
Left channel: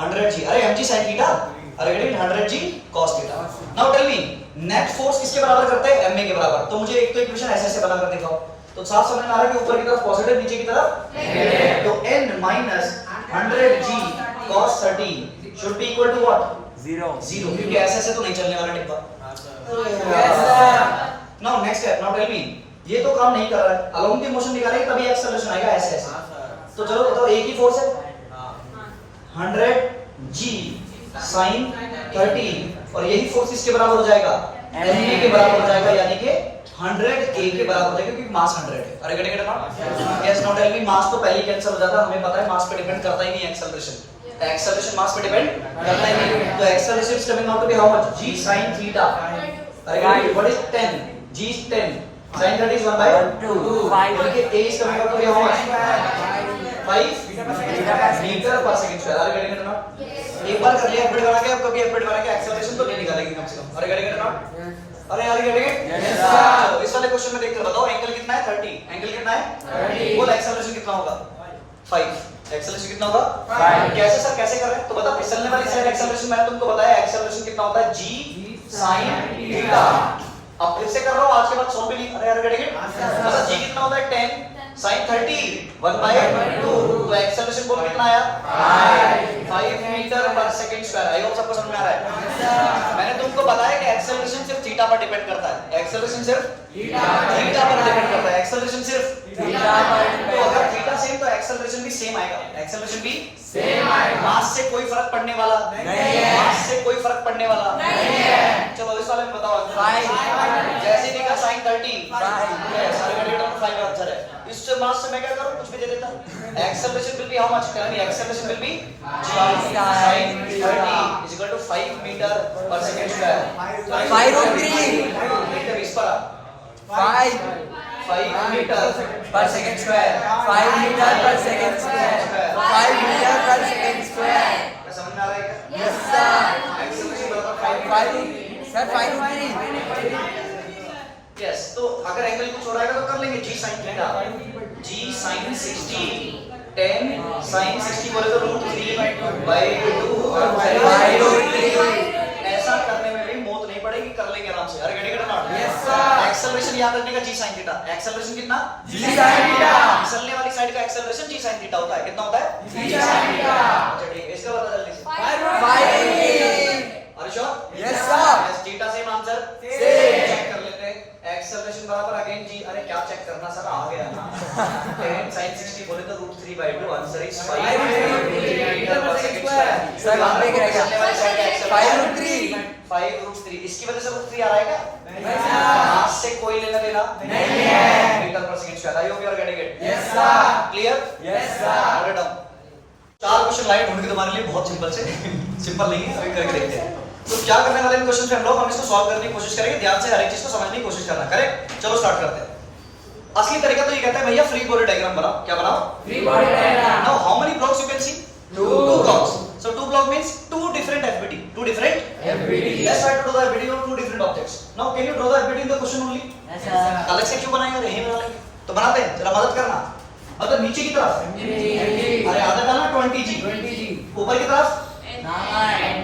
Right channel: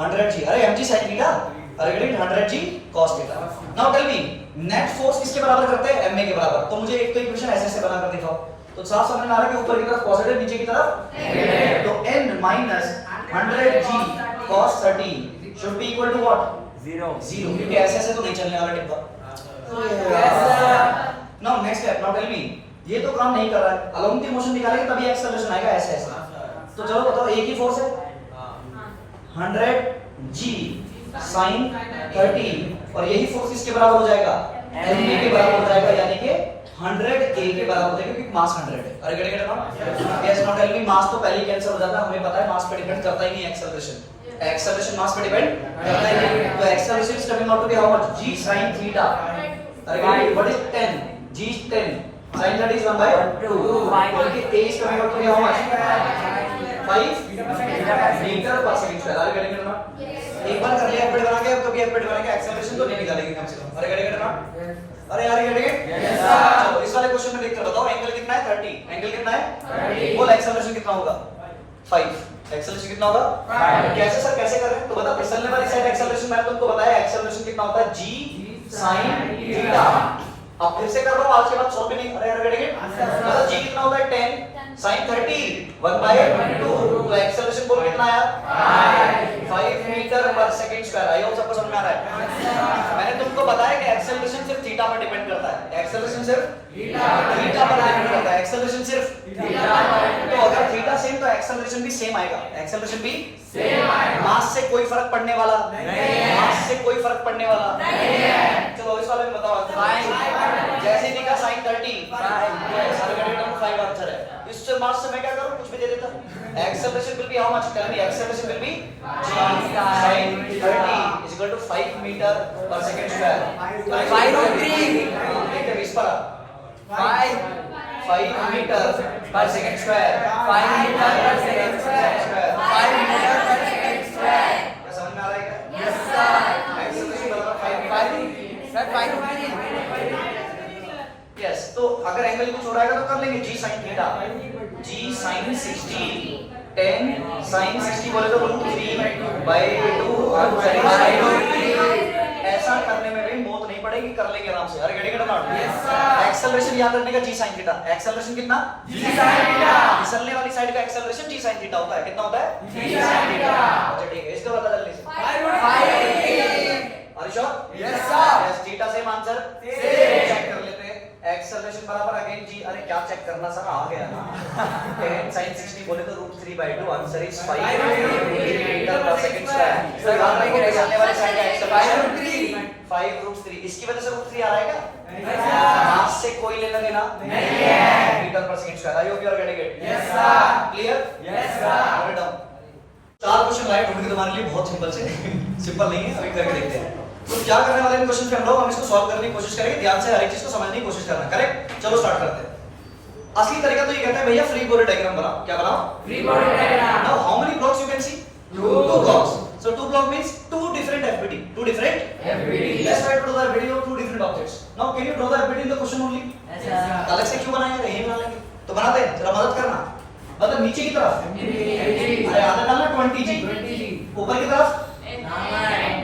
100g. अरे mg sin theta. Are you getting it? 100g cos theta. Now tell me, net force किसके बराबर करते हैं? ma के बराबर। तो मुझे एक तो इक्वेशन ऐसे बना कर दिखाओ, तो साफ समझ में आ रहा है कि ऊपर की तरफ पॉजिटिव, नीचे की तरफ नेगेटिव। तो n minus 100g cos 30 should be equal to what? 0, क्योंकि ऐसे तो नहीं चलने वाला डिब्बा। Now next step, now tell me, ये तो काम नहीं कर रहा है, अलोंग द मोशन निकालेंगे तभी एक्सेलरेशन आएगा, ऐसे ऐसे। तो चलो बताओ, एक ही फोर्स है 100g sin 30, और यही फोर्स इसके बराबर हो जाएगा, ma के बराबर हो जाएगा, यानी कि 100a के बराबर हो जाएगा, क्योंकि मास 100 है। अरे get it not? Yes, not tell me, mass तो पहले ही कैंसिल हो जाता है, हमें पता है मास पे डिपेंड करता ही नहीं एक्सेलरेशन। एक्सेलरेशन मास पे डिपेंड करता ही नहीं, तो acceleration is coming out to be how much? g sin theta। Are get it, what is 10? g is 10, sin 30 is 1/2, और ये a is coming out to be how much? 5 metre पर सेकंड स्क्वायर। अरे गेट इट नॉट? एक बार कर लिया एफबीट बना के, अब कभी एफबीट बना के एक्सेलरेशन तो नहीं निकालेंगे कम से कम। अरे गेटिंग इट नॉट? अरे यार गेटिंग इट? Yes sir. तो इस वाले क्वेश्चन में देखकर बताओ, एंगल कितना है? 30। एंगल कितना है? 30। बोल एक्सेलरेशन कितना होगा? 5। एक्सेलरेशन कितना होगा? 5। कैसे सर, कैसे कर रहे हैं? तो बता, फिसलने वाली साइड एक्सेलरेशन मैंने तुमको बताया, एक्सेलरेशन कितना होता है? g sin theta. अब फिर से कर रहा हूं, आज के बाद सॉल्व भी नहीं। अरे यार गेटिंग इट? मतलब g कितना होता है? 10 sin 30 1/2, तो एक्सेलरेशन बोल कितना आया? 5 मीटर पर सेकंड स्क्वायर। आई होप सबको समझ में आ रहा है। मैंने तुमको बताया कि एक्सेलरेशन सिर्फ थीटा पर डिपेंड करता है, एक्सेलरेशन सिर्फ थीटा पर डिपेंड करता है, एक्सेलरेशन सिर्फ थीटा। तो अगर थीटा सेम आएगा, एक्सेलरेशन भी सेम आएगा, मास से कोई फर्क पड़ने वाला नहीं है, मास से कोई फर्क पड़ने वाला नहीं है। चलो इस वाले में बताओ, जैसे दी का sin 30, यस सारे गाड़ी का 5 आंसर है। इससे मास से मैं क्या करूं, कुछ भी दे देता। Acceleration will be how much, tell me, acceleration will be g sin 30 is equal to 5 metre पर सेकंड स्क्वायर। तो 5 देखते 20 पर 5 मीटर पर सेकंड स्क्वायर, 5 मीटर पर सेकंड स्क्वायर, 5 मीटर पर सेकंड स्क्वायर। क्या समझ में आ रहा है क्या? Yes sir. एक्सेलरेशन बराबर 5 मीटर सर, 5 यस। तो अगर एंगल कुछ हो रहा है तो कर लेंगे, g sin theta, g sin 60, 10 sin 60 बोले तो √3/2 ऐसा करने में भी मौत नहीं पड़ेगी, कर लेंगे आराम से। Are get not, yes sir. Acceleration याद रखने का g sin थीटा, एक्सेलरेशन कितना, g sin थीटा, फिसलने वाली साइड का एक्सेलरेशन g sin थीटा होता है, कितना होता है, g sin थीटा। अच्छा ठीक है, इसका बता जल्दी से। Are sure, yes sir. Yes, theta same answer, check कर लेते हैं। एक्सेलरेशन बराबर अगेन g, अरे क्या चेक करना सर, आ गया ना। 10 sin 60 बोले तो √3/2, आंसर इज 5 मीटर पर सेकंड स्क्वायर। तो याद रखो फिसलने वाली साइड का एक्सेलरेशन 5√3, इसकी वजह से √3 आ रहा है क्या? मास से कोई लेना देना नहीं है, मीटर पर second square. I hope you are getting it, yes sir. Clear, yes sir. Well done. 4 question लाए ढूंढ के तुम्हारे लिए, बहुत सिंपल से, सिंपल नहीं है, अभी करके देखते हैं। तो क्या करने वाले इन क्वेश्चन पे हम लोग, हम इसको सॉल्व करने की कोशिश करेंगे, ध्यान से हर एक चीज को समझने की कोशिश करना, करेक्ट? चलो स्टार्ट करते हैं। असली तरीका तो ये कहता है भैया फ्री बॉडी डायग्राम बनाओ। क्या बनाओ? Free body diagram. Now how many blocks you can see? 2 blocks. So 2 block means 2 different FBD. 2 different FBD. Let's try to do the FBD of 2 different objects. Now can you draw the FBD in the question only? Yes sir. अलग से क्यों बनाएंगे, यही बना लेंगे। तो बनाते हैं, जरा मदद करना। मतलब नीचे की तरफ, अरे आधा डालना 20G, ऊपर की तरफ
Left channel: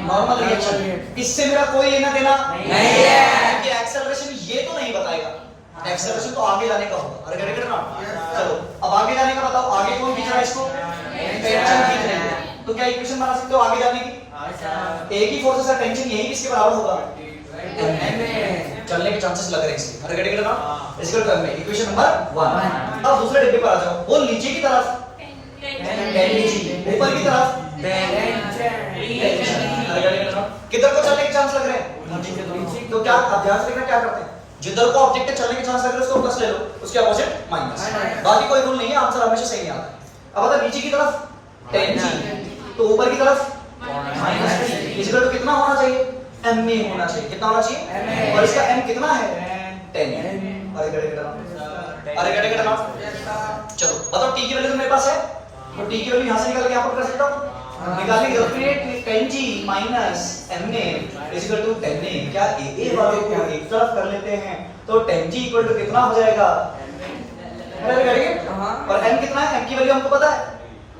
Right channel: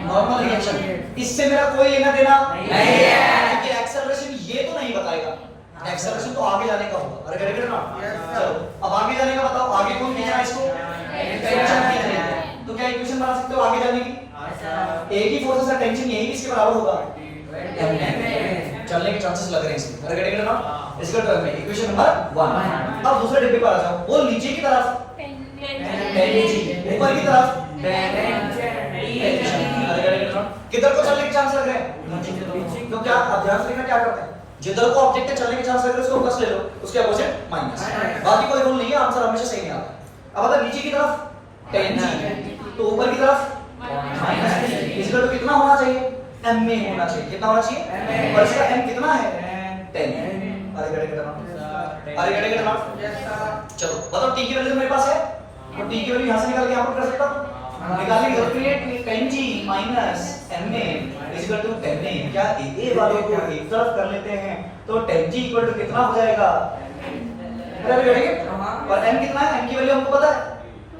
नॉर्मल रिएक्शन। इससे मेरा कोई लेना देना नहीं है, क्योंकि एक्सेलरेशन ये तो नहीं बताएगा, एक्सेलरेशन तो आगे जाने का होगा। अरे करेक्ट ना? चलो अब आगे जाने का बताओ, आगे कौन खींच रहा है इसको? टेंशन खींच रही है। तो क्या इक्वेशन बना सकते हो आगे जाने की? एक ही फोर्स है, टेंशन यही किसके बराबर होगा? चलने के चांसेस लग रहे हैं इसके। अरे करेक्ट ना? इसको करना है इक्वेशन नंबर 1। अब दूसरे डिब्बे पर आ जाओ, वो नीचे की तरफ 10G, ऊपर की तरफ किधर को चलने के चांस लग रहे हैं? तो क्या अब ध्यान से देखना क्या करते हैं, जिधर को ऑब्जेक्ट चलने के चांस लग रहे हैं उसको प्लस ले लो, उसके अपोजिट माइनस, बाकी कोई रूल नहीं है, आंसर हमेशा सही आता है। अब अगर नीचे की तरफ 10G तो ऊपर की तरफ -3, इसका तो कितना होना चाहिए? m में होना चाहिए। कितना होना चाहिए? और इसका m कितना है? 10। अरे गड़े चलो बताओ t की वैल्यू तो मेरे पास है, तो t की वैल्यू यहां से निकाल के यहां पर कर सकता हूं। निकालने की जरूरत नहीं है, 10G minus ma is equal to 10a। क्या a वालों को एक तरफ कर लेते हैं तो 10G equal to कितना हो जाएगा? अरे करेंगे, और m कितना है? m की वैल्यू हमको पता है,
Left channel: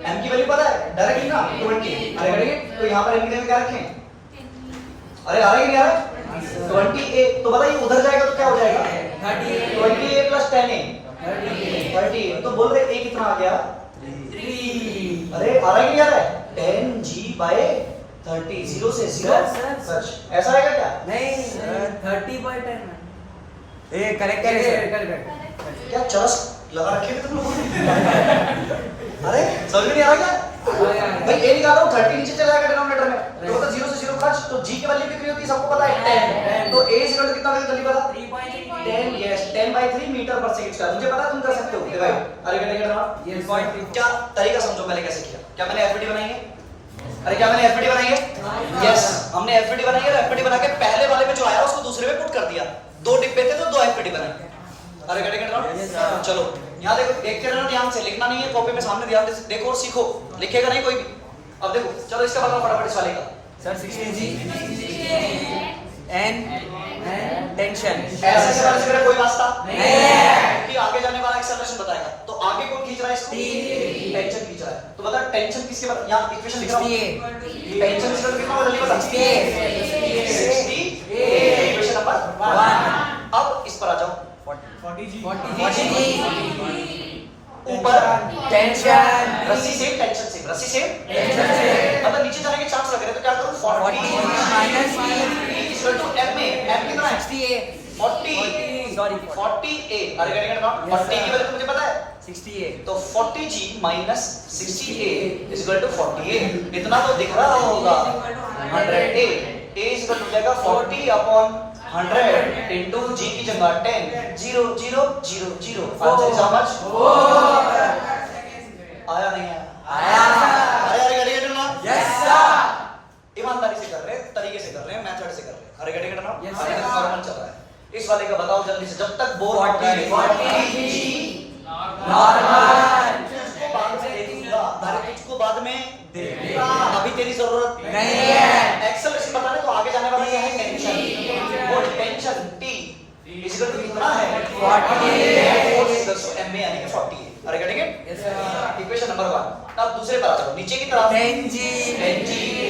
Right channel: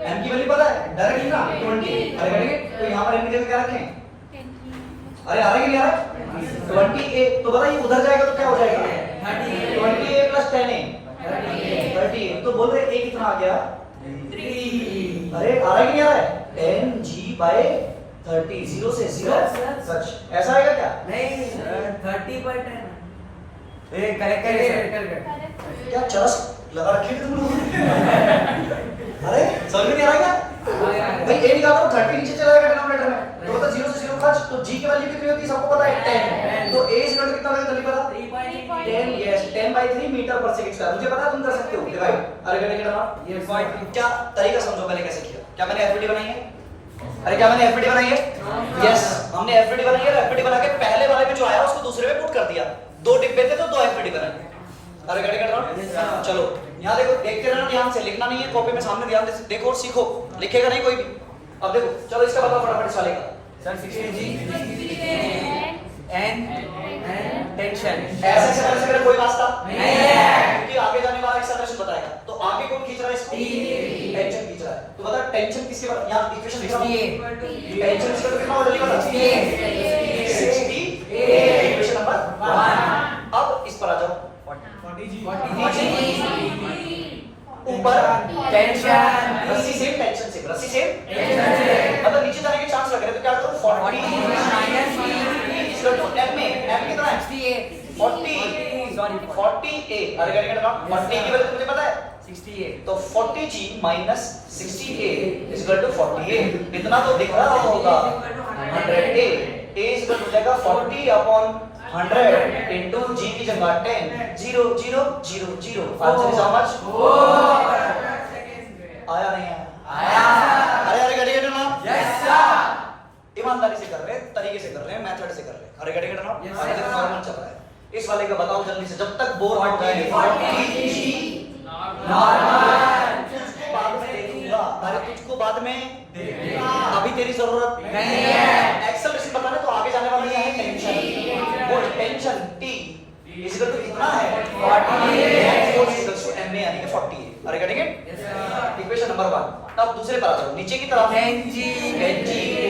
m की वैल्यू पता है डायरेक्टली ना, 20। अरे करेंगे, तो यहाँ पर m की जगह क्या रखें? अरे आ रहा है कि नहीं आ रहा है? 20a, तो बताइए उधर जाएगा तो क्या हो जाएगा? 20a plus 10a, 30। तो बोल रहे a कितना आ गया? 3। अरे आ रहा है कि नहीं आ रहा है? 10G by 30, 0 से 0 सच ऐसा आएगा क्या? नहीं 30/10। ये करेक्ट क्या चरस लगा रखे हैं तुम लोगों ने? अरे समझ में नहीं आ रहा क्या? भाई ए निकालो, 30 नीचे चला जाएगा डिनोमिनेटर में, तो मतलब 0 से 0 खर्च, तो G की वैल्यू कितनी होती है सबको पता है 10। तो A इक्वल टू कितना लगेगा जल्दी बता? 10, यस 10/3 मीटर पर सेकंड स्क्वायर। मुझे पता है तुम कर सकते हो डिवाइड। अरे करेंगे ना? यस। क्या तरीका समझो पहले कैसे किया। क्या मैंने एफबीडी बनाई है? अरे क्या मैंने एफबीडी बनाई है? यस, हमने एफबीडी बनाई है, एफबीडी बना के पहले वाले में जो आया उसको दूसरे में पुट कर दिया। 2 डिब्बे थे तो 2 एफबीडी बनाई। अरे गड़े कर रहा, चलो यहाँ देखो, देखते रहना ध्यान से, लिखना नहीं है कॉपी में, सामने ध्यान से देखो और सीखो, लिखेगा नहीं कोई भी। अब देखो चलो इसका बताओ फटाफट इस वाले का। Sir 60G and tension. ऐसे से वाले से मेरा कोई वास्ता नहीं है, क्योंकि आगे जाने वाला एक्सेलरेशन बताएगा। तो आगे कौन खींच रहा है इसको? टेंशन खींच रहा है। तो बता टेंशन किसके बाद, यहाँ इक्वेशन लिख रहा हूं, टेंशन इसका तो कितना होगा जल्दी बता? 60 इक्वेशन नंबर 1। अब इस पर आ जाओ, 40G ऊपर टेंशन, रस्सी से टेंशन से, रस्सी से मतलब नीचे जाने के चांस लग रहे हैं, तो क्या करूं? 40 इक्वल टू m में, m कितना है? 40 40a। अरे करेंगे ना, और t की वैल्यू तो मुझे पता है 68 तो 40g minus 60a is equal to 40a। इतना तो दिख रहा होगा 100a। a is equal to जाएगा 40 अपॉन 100 इनटू g की जगह 10 0 0 0 0। Answer is how much? आया नहीं आया? अरे अरे गेट इट ना? यस सर ईमानदारी से कर रहे हैं, तरीके से कर रहे हैं, मेथड से कर रहे हैं। अरे गेट इट ना? अभी तक नॉर्मल चल रहा है। इस वाले का बताओ जल्दी से, जब तक बोर ना हो जाए। 40g नॉर्मल तुझको बाद में दे दूंगा। अरे तुझको बाद में अभी तेरी जरूरत नहीं है। एक्सेलरेशन बताने तो आगे जाने वाला क्या है? टेंशन। वो tension t is equal to कितना है? 40 इज इक्वल टू ma यानी कि 40 है। अरे गेटिंग इट? Equation number 1। अब दूसरे पर आ जाओ, नीचे की तरफ 10g,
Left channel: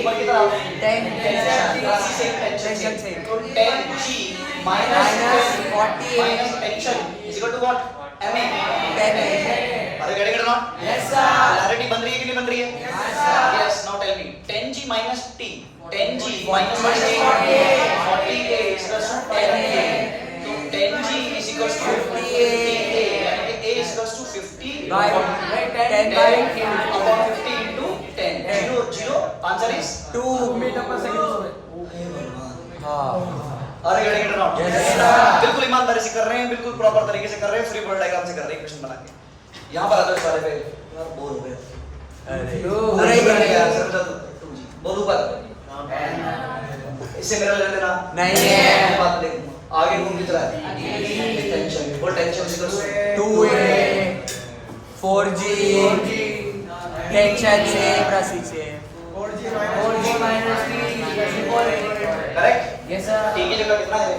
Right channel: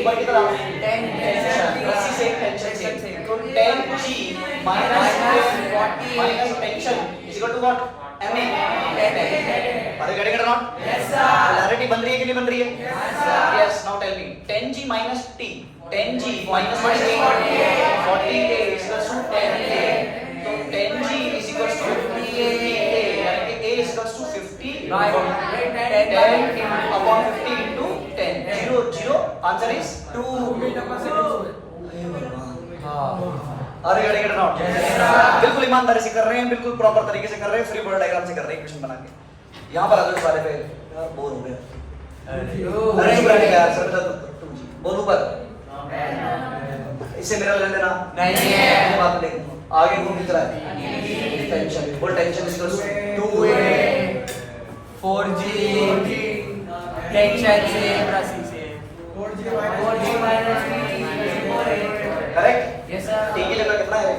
ऊपर की तरफ टेंशन। रस्सी से टेंशन से, तो 10g minus tension is equal to what? ma। Are getting it not? Yes sir polarity बन रही है कि नहीं बन रही है? Yes. Now tell me 10g minus t, 10g minus what is t? 40a is equals to 10a। तो 10g is equals to 50a यानी कि a is equals to 50 10 upon 50 into 10 0 0। Answer is 2 metre पर सेकंड। हे भगवान, अरे गेट इट नॉट? बिल्कुल ईमानदारी से कर रहे हैं, बिल्कुल प्रॉपर तरीके से कर रहे हैं, फ्री बॉडी डायग्राम से कर रहे हैं इक्वेशन बना के। यहाँ पर आ जाओ इस वाले पे। यार बोर हो गए। अरे बनाने का सर बता दो जी। बोल ऊपर। इससे मेरा लेना देना नहीं है। मैं बात देखूंगा आगे घूम कितना है? टेंशन। बोल tension is equal to 2a 4g tension से 4g minus 3 correct? Yes sir t की जगह कितना है?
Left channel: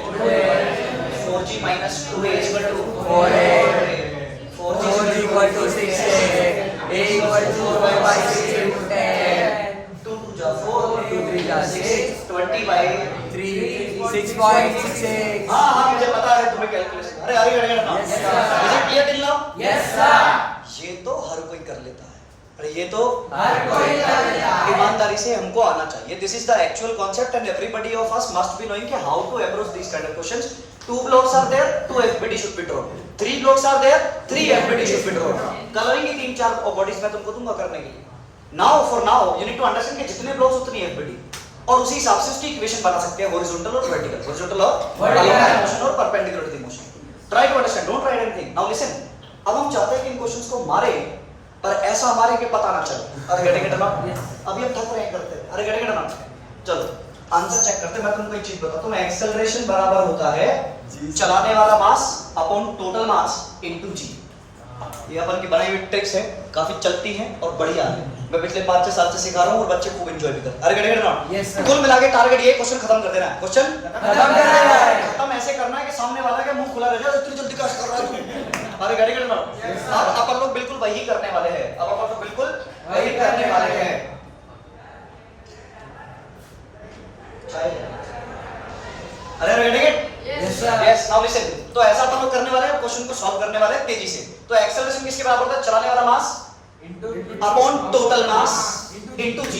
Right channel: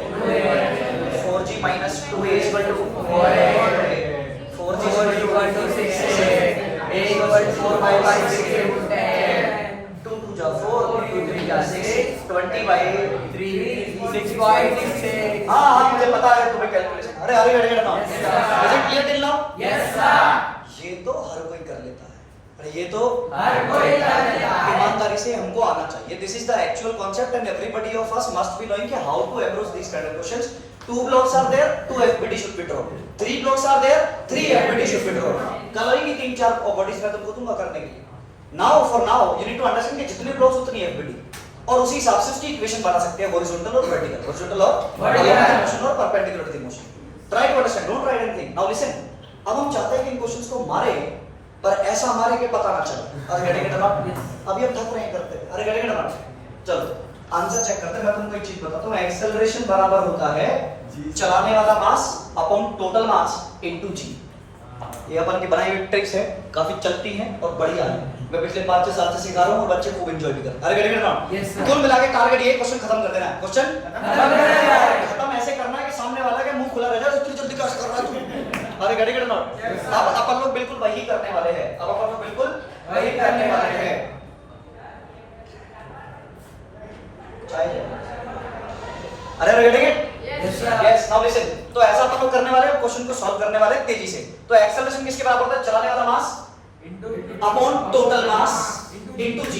4g minus 2a is equal to 4g is equal to 6a a is equal to 4 by 6 2 2 जा 4 2 3 जा 6 20 by 6.6। हाँ हाँ मुझे पता है तुम्हें कैलकुलेशन। अरे अरे अरे ना is it clear till now? Yes sir ये तो हर कोई कर लेता है। अरे ये तो हर कोई कर लेता है। ईमानदारी से हमको आना चाहिए। This is the actual concept and everybody of us must be knowing कि how to approach this kind of questions. 2 blocks are there, 2 FBT should be drawn. 3 blocks are there, 3 FBT should be drawn. कल होंगी 3-4 बॉडीज मैं तुमको दूंगा करने के लिए। Now for now you need to understand कि जितने ब्लॉक्स उतनी FBT और उसी हिसाब से उसकी इक्वेशन बना सकते हैं हॉरिजॉन्टल और वर्टिकल, हॉरिजॉन्टल और along मोशन और perpendicular to the motion. Try to understand, don't try anything. Now listen, अब हम चाहते हैं कि इन क्वेश्चंस को मारे पर ऐसा मारे कि पता ना चले। अरे गेटिंग इट नॉट? अभी हम थक रहे हैं करते। अरे गेटिंग इट नॉट? चलो आंसर चेक करते हैं। मैं तुमको एक चीज बताता हूं, एक्सेलरेशन बराबर होता है चलाने वाला mass upon total mass into g। ये अपन की बनाई हुई ट्रिक्स है, काफी चलती हैं और बढ़िया है। मैं पिछले 5-6 साल से सिखा रहा हूं और बच्चे खूब एंजॉय भी कर रहे हैं। अरे getting it not? Yes sir कुल मिला के टारगेट ये क्वेश्चन खत्म कर देना है। क्वेश्चन खत्म ऐसे करना है कि सामने वाला का मुंह खुला रह जाए, इतनी जल्दी कैसे कर रहा है तू? अरे गेटिंग इट नॉट? अब अपन लोग बिल्कुल वही करने वाले हैं। अब अपन लोग बिल्कुल वही करने वाले हैं। अरे अरे getting it? Yes sir yes. Now listen, तो ऐसा अपन लोग करने वाले हैं, क्वेश्चन को सॉल्व करने वाले हैं तेजी से। तो एक्सेलरेशन किसके बराबर होता है? चलाने वाला mass upon total mass into g।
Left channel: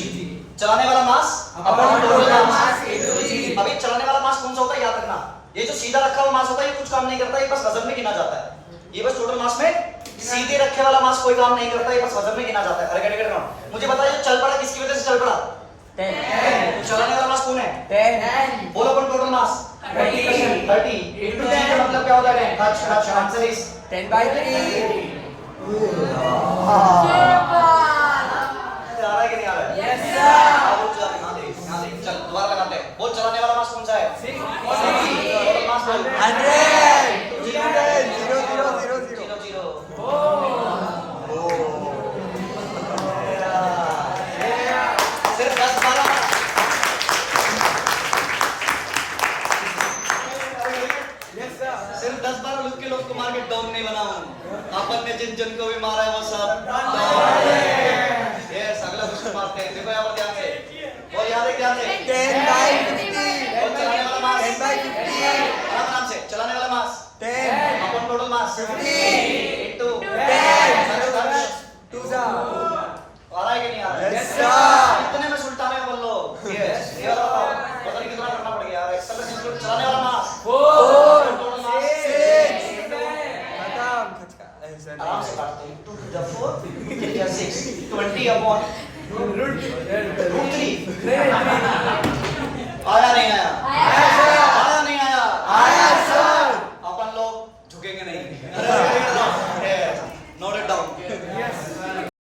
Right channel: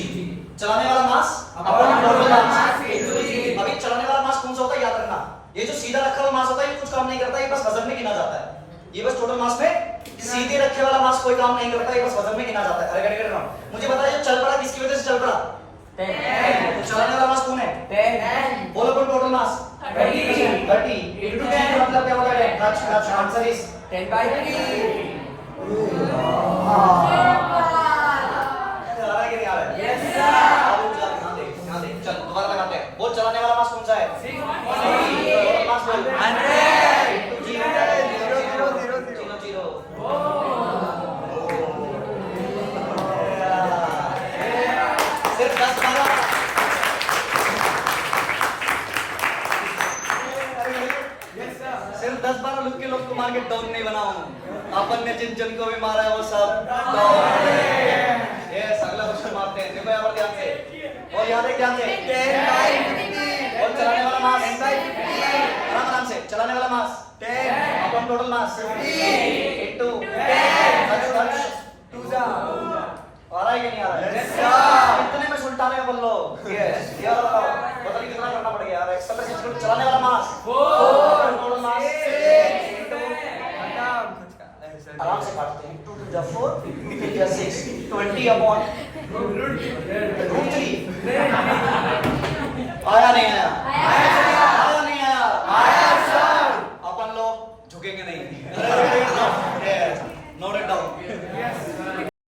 चलाने वाला mass upon total mass into g। अभी चलाने वाला मास कौन सा होता है याद रखना। ये जो सीधा रखा हुआ मास होता है ये कुछ काम नहीं करता, ये बस वजन में गिना जाता है। ये बस टोटल मास में सीधे रखे वाला मास कोई काम नहीं करता, ये बस वजन में गिना जाता है। अरे गेट इट? मुझे बताइए चल पड़ा किसकी वजह से चल पड़ा? 10 तो चलाने वाला मास कौन है? 10 बोल अपन टोटल मास 30 इनटू g का मतलब क्या हो जाएगा? क्लच। Answer is 10/3। आ रहा है कि नहीं आ रहा है? यस सर अब रुक जा, ध्यान दे। चल दोबारा लगाते हैं। बोल चलाने वाला मास कौन सा है? 6 टोटल मास बोल 100 इनटू g होता है 0 0 सिर्फ 10-12 सिर्फ 10-12 लोग के लोग को मार के डाउन नहीं बना हूं। अपन ने जिन जिन को भी मारा है वो सब डाउन है। यस, अगला क्वेश्चन मारते हैं। देखो यहाँ पर ध्यान से बोल, याद है ध्यान से। बोल चलाने वाला मास आराम से। चलाने वाला मास अपन टोटल मास इनटू आ रहा है कि नहीं आ रहा है? कितने में सुल्ताने में बोल लो। यस, ये वाला बताओ, पता नहीं कितना करना पड़ गया यार। एक्सेलरेशन चलाने वाला मास टोटल मास इनटू आराम से काटते हैं 2 to the 4 2 to the 6 20 upon root 3 आया नहीं आया आया नहीं आया अपन लोग झुकेंगे नहीं